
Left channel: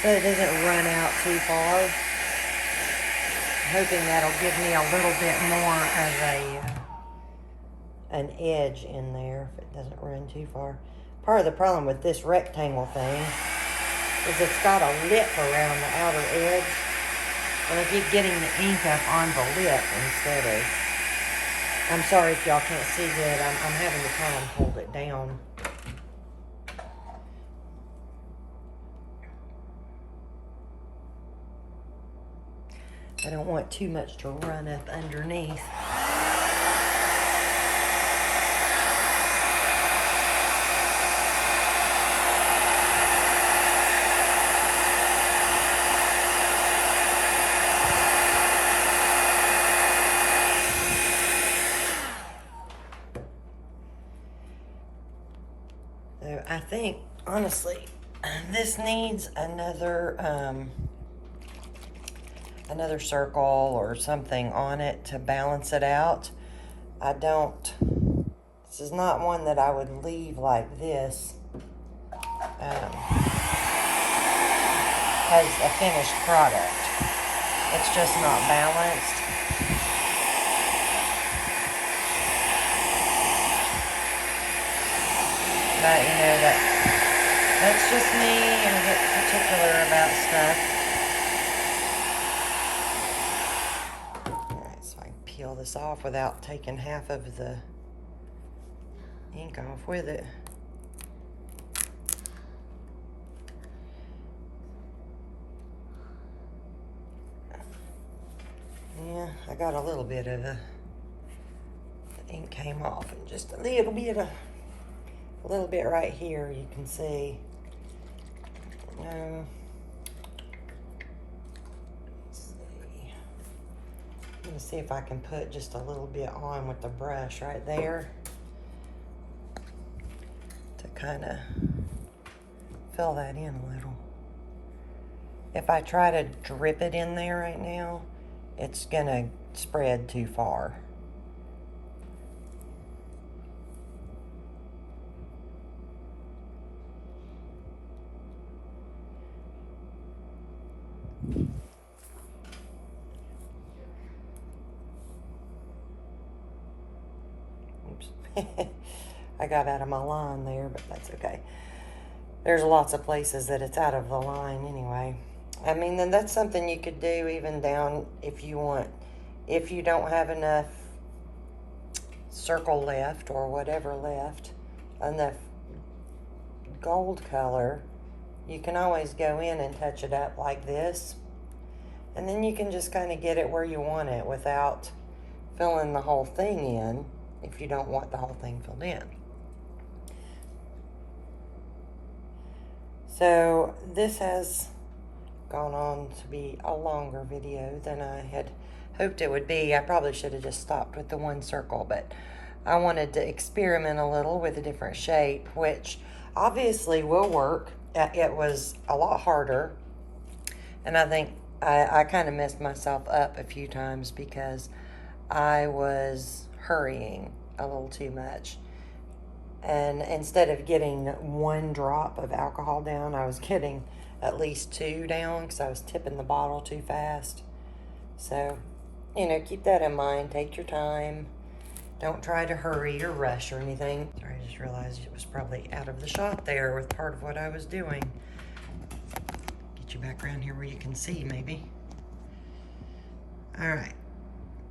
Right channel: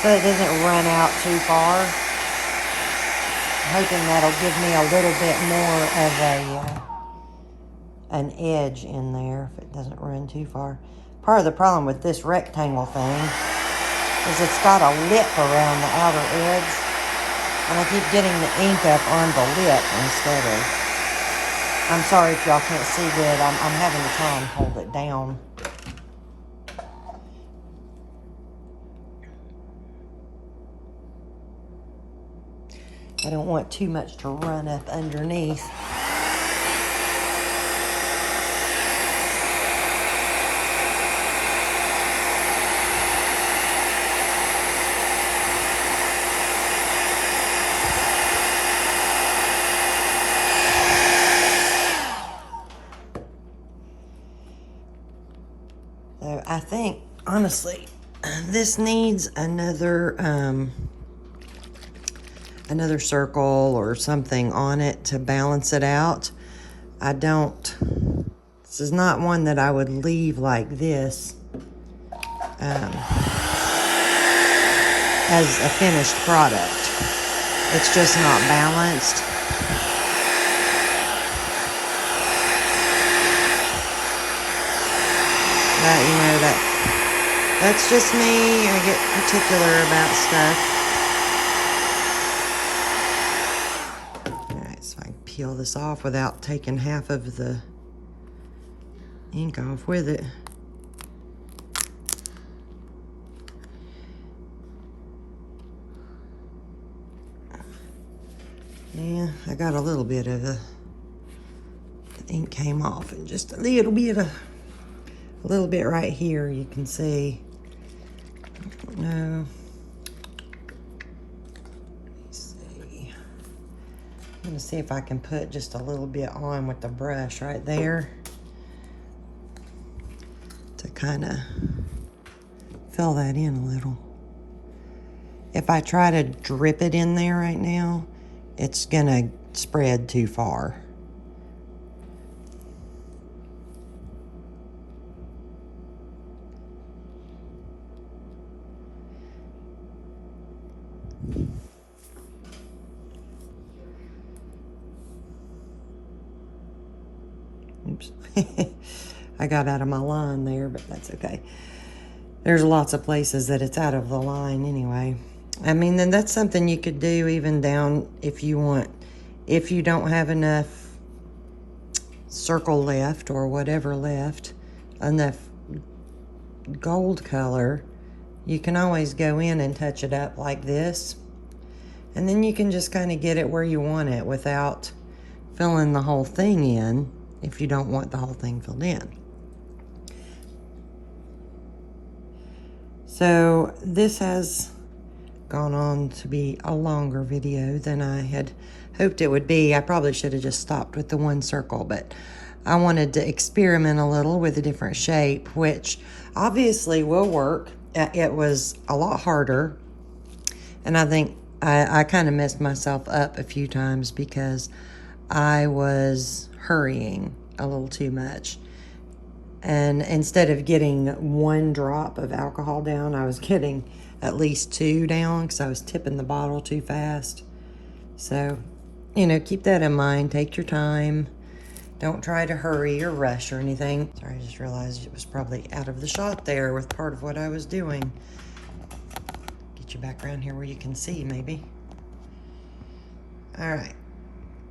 so it doesn't run out too far. I'm hoping that'll give me a little bit more of an edge in there if it doesn't run too far. Part of the problem with this rectangle thing is it's got a lip around the outer edge, and I keep getting the ink up on the lip instead of. I'm sorry if y'all can't see good. I'm having to try and hold it down. I don't want too much to run up underneath. So I think, honestly, this needs another circle or something on it to balance it out. This is not one that I would leave like this as a finished product. It's just not balanced. But, you know, that's just me. I get particular about stuff. Peel this off without taking half of the ink off with it. Yeah, I got a little bit of the ink came off, and just a little bit right here you can see. No. I'm gonna see if I can put just a little bit on with the brush right there to kind of fill that in a little. If I try to drip it in there right now, it's gonna spread too far. Oops. I got out of my line there, but that's okay. There's lots of places that it's out of the line anyway. I mean, then that's something you could do even down if you want. If you don't have enough circle left or whatever left, enough gold color, you can always go in and touch it up like this. And then you can just kind of get it where you want it without filling the whole thing in if you don't want the whole thing filled in. So this has gone on to be a longer video than I had hoped it would be. I probably should have just stopped with the one circle, but I wanted to experiment a little with a different shape, which obviously will work. It was a lot harder, and I think I kind of messed myself up a few times because I was hurrying a little too much. And instead of getting one drop of alcohol down, I was getting at least 2 down because I was tipping the bottle too fast. So, you know, keep that in mind. Take your time. Don't try to hurry or rush or anything. Sorry, I just realized it was probably out of the shot there with part of what I was doing. Get you back around here where you can see, maybe. All right.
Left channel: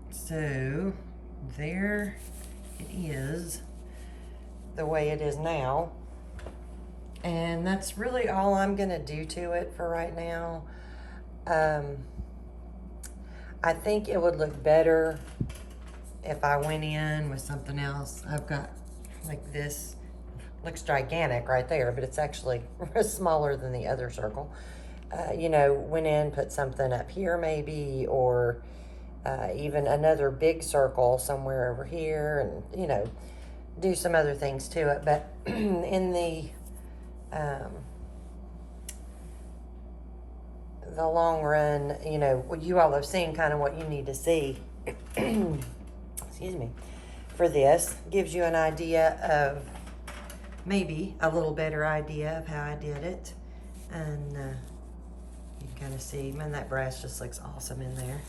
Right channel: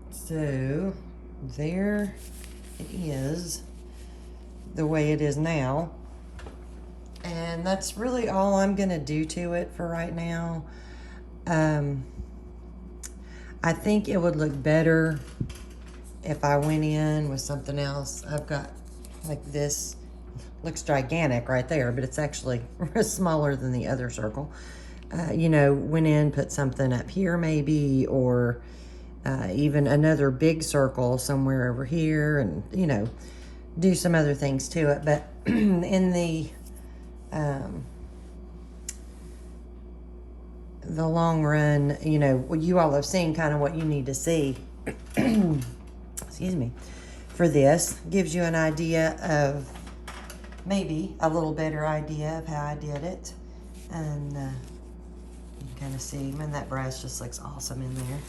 So, there it is, the way it is now. And that's really all I'm gonna do to it for right now. I think it would look better if I went in with something else, I've got like this, looks gigantic right there, but it's actually smaller than the other circle. You know, went in, put something up here maybe, or even another big circle somewhere over here, and, you know, do some other things to it. But in the long run, you know, you all have seen kind of what you need to see. Excuse me. For this, gives you an idea of, maybe a little better idea of how I did it. And you can kind of see, man, that brass just looks awesome in there.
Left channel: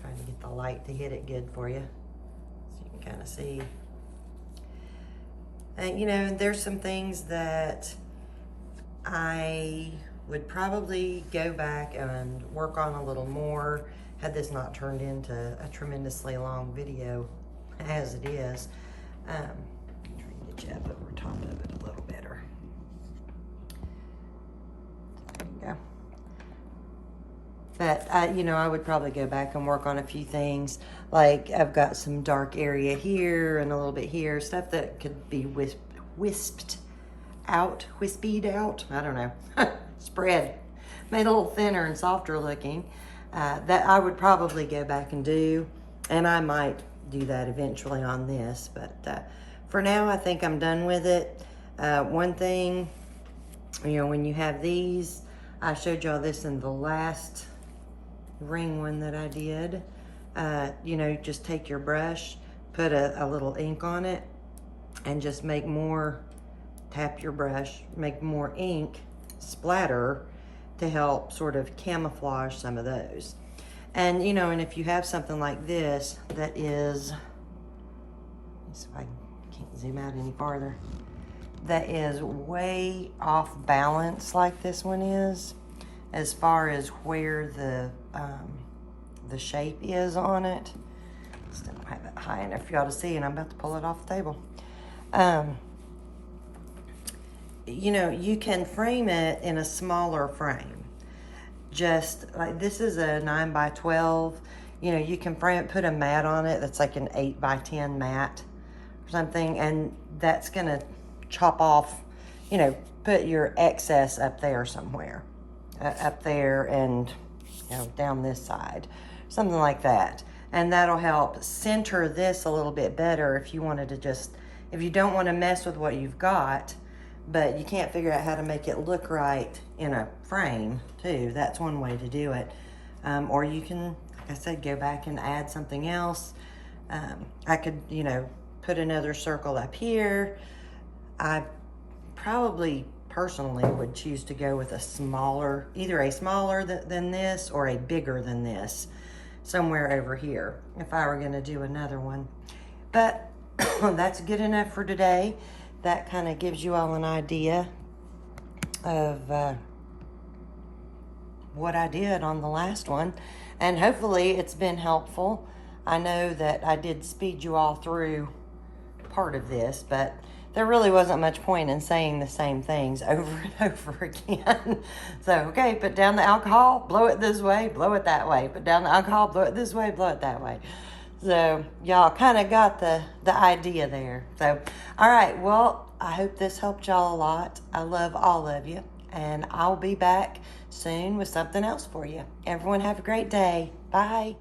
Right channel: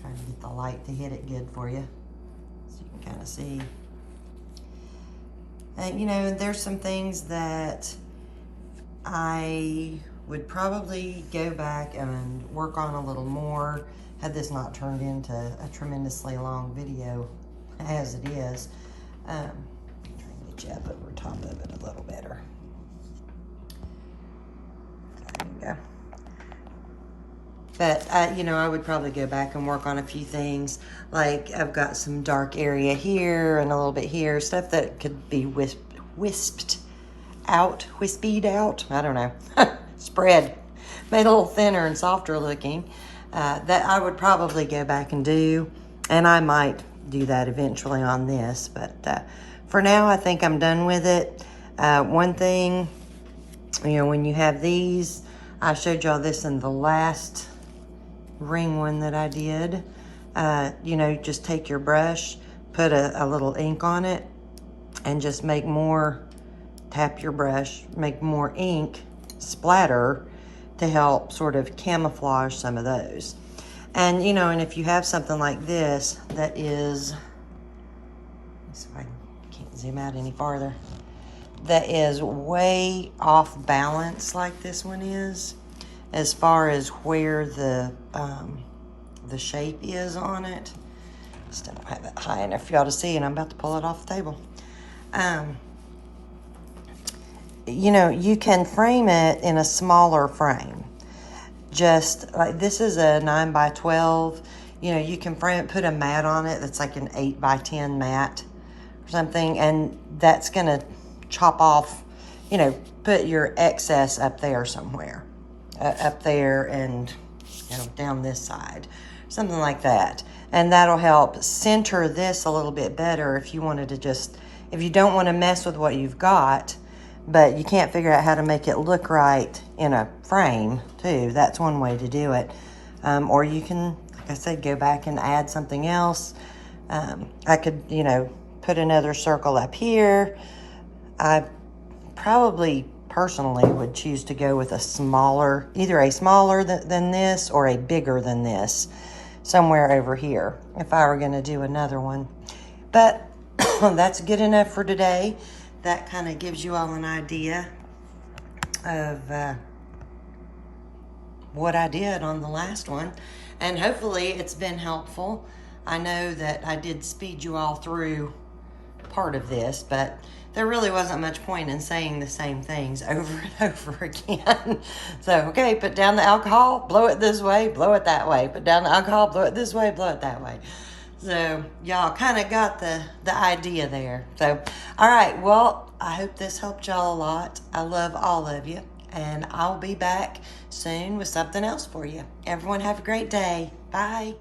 Trying to get the light to hit it good for you, so you can kind of see. And you know, there's some things that I would probably go back and work on a little more had this not turned into a tremendously long video as it is. Get you up over top of it a little better. There you go. But, you know, I would probably go back and work on a few things. Like, I've got some dark area here and a little bit here. Stuff that could be wispied out. I don't know. Spread. Made a little thinner and softer looking. That I would probably go back and do. And I might do that eventually on this. But for now, I think I'm done with it. One thing, you know, when you have these, I showed y'all this in the last ring one that I did. You know, just take your brush, put a little ink on it, and just make more, tap your brush, make more ink splatter to help sort of camouflage some of those. And, you know, and if you have something like this that is, let's see if I can't zoom out any farther, that is way off balance like this one is, as far as where the shape is on it. Just don't have it high enough for y'all to see, and I'm about to pull it off the table. You know, you can frame it in a smaller frame. Just like this is a 9x12. You know, you can frame it, put a mat on it that's like an 8x10 mat or something, and that's gonna chop off, you know, put your excess up there somewhere. Up there and, you know, down this side. Something like that. And that'll help center this a little bit better if you wanted to just, if you don't want to mess with what you've got, but you can't figure out how to make it look right in a frame too. That's one way to do it. Or you can, like I said, go back and add something else. I could, you know, put another circle up here. I probably personally would choose to go with a smaller, either a smaller than this or a bigger than this, somewhere over here, if I were going to do another one. But that's good enough for today. That kind of gives you all an idea of what I did on the last one. And hopefully it's been helpful. I know that I did speed you all through part of this, but there really wasn't much point in saying the same things over and over again. So, okay, put down the alcohol, blow it this way, blow it that way. Put down the alcohol, blow it this way, blow it that way. So, y'all kind of got the idea there. So, all right, well, I hope this helped y'all a lot. I love all of you, and I'll be back soon with something else for you. Everyone have a great day. Bye.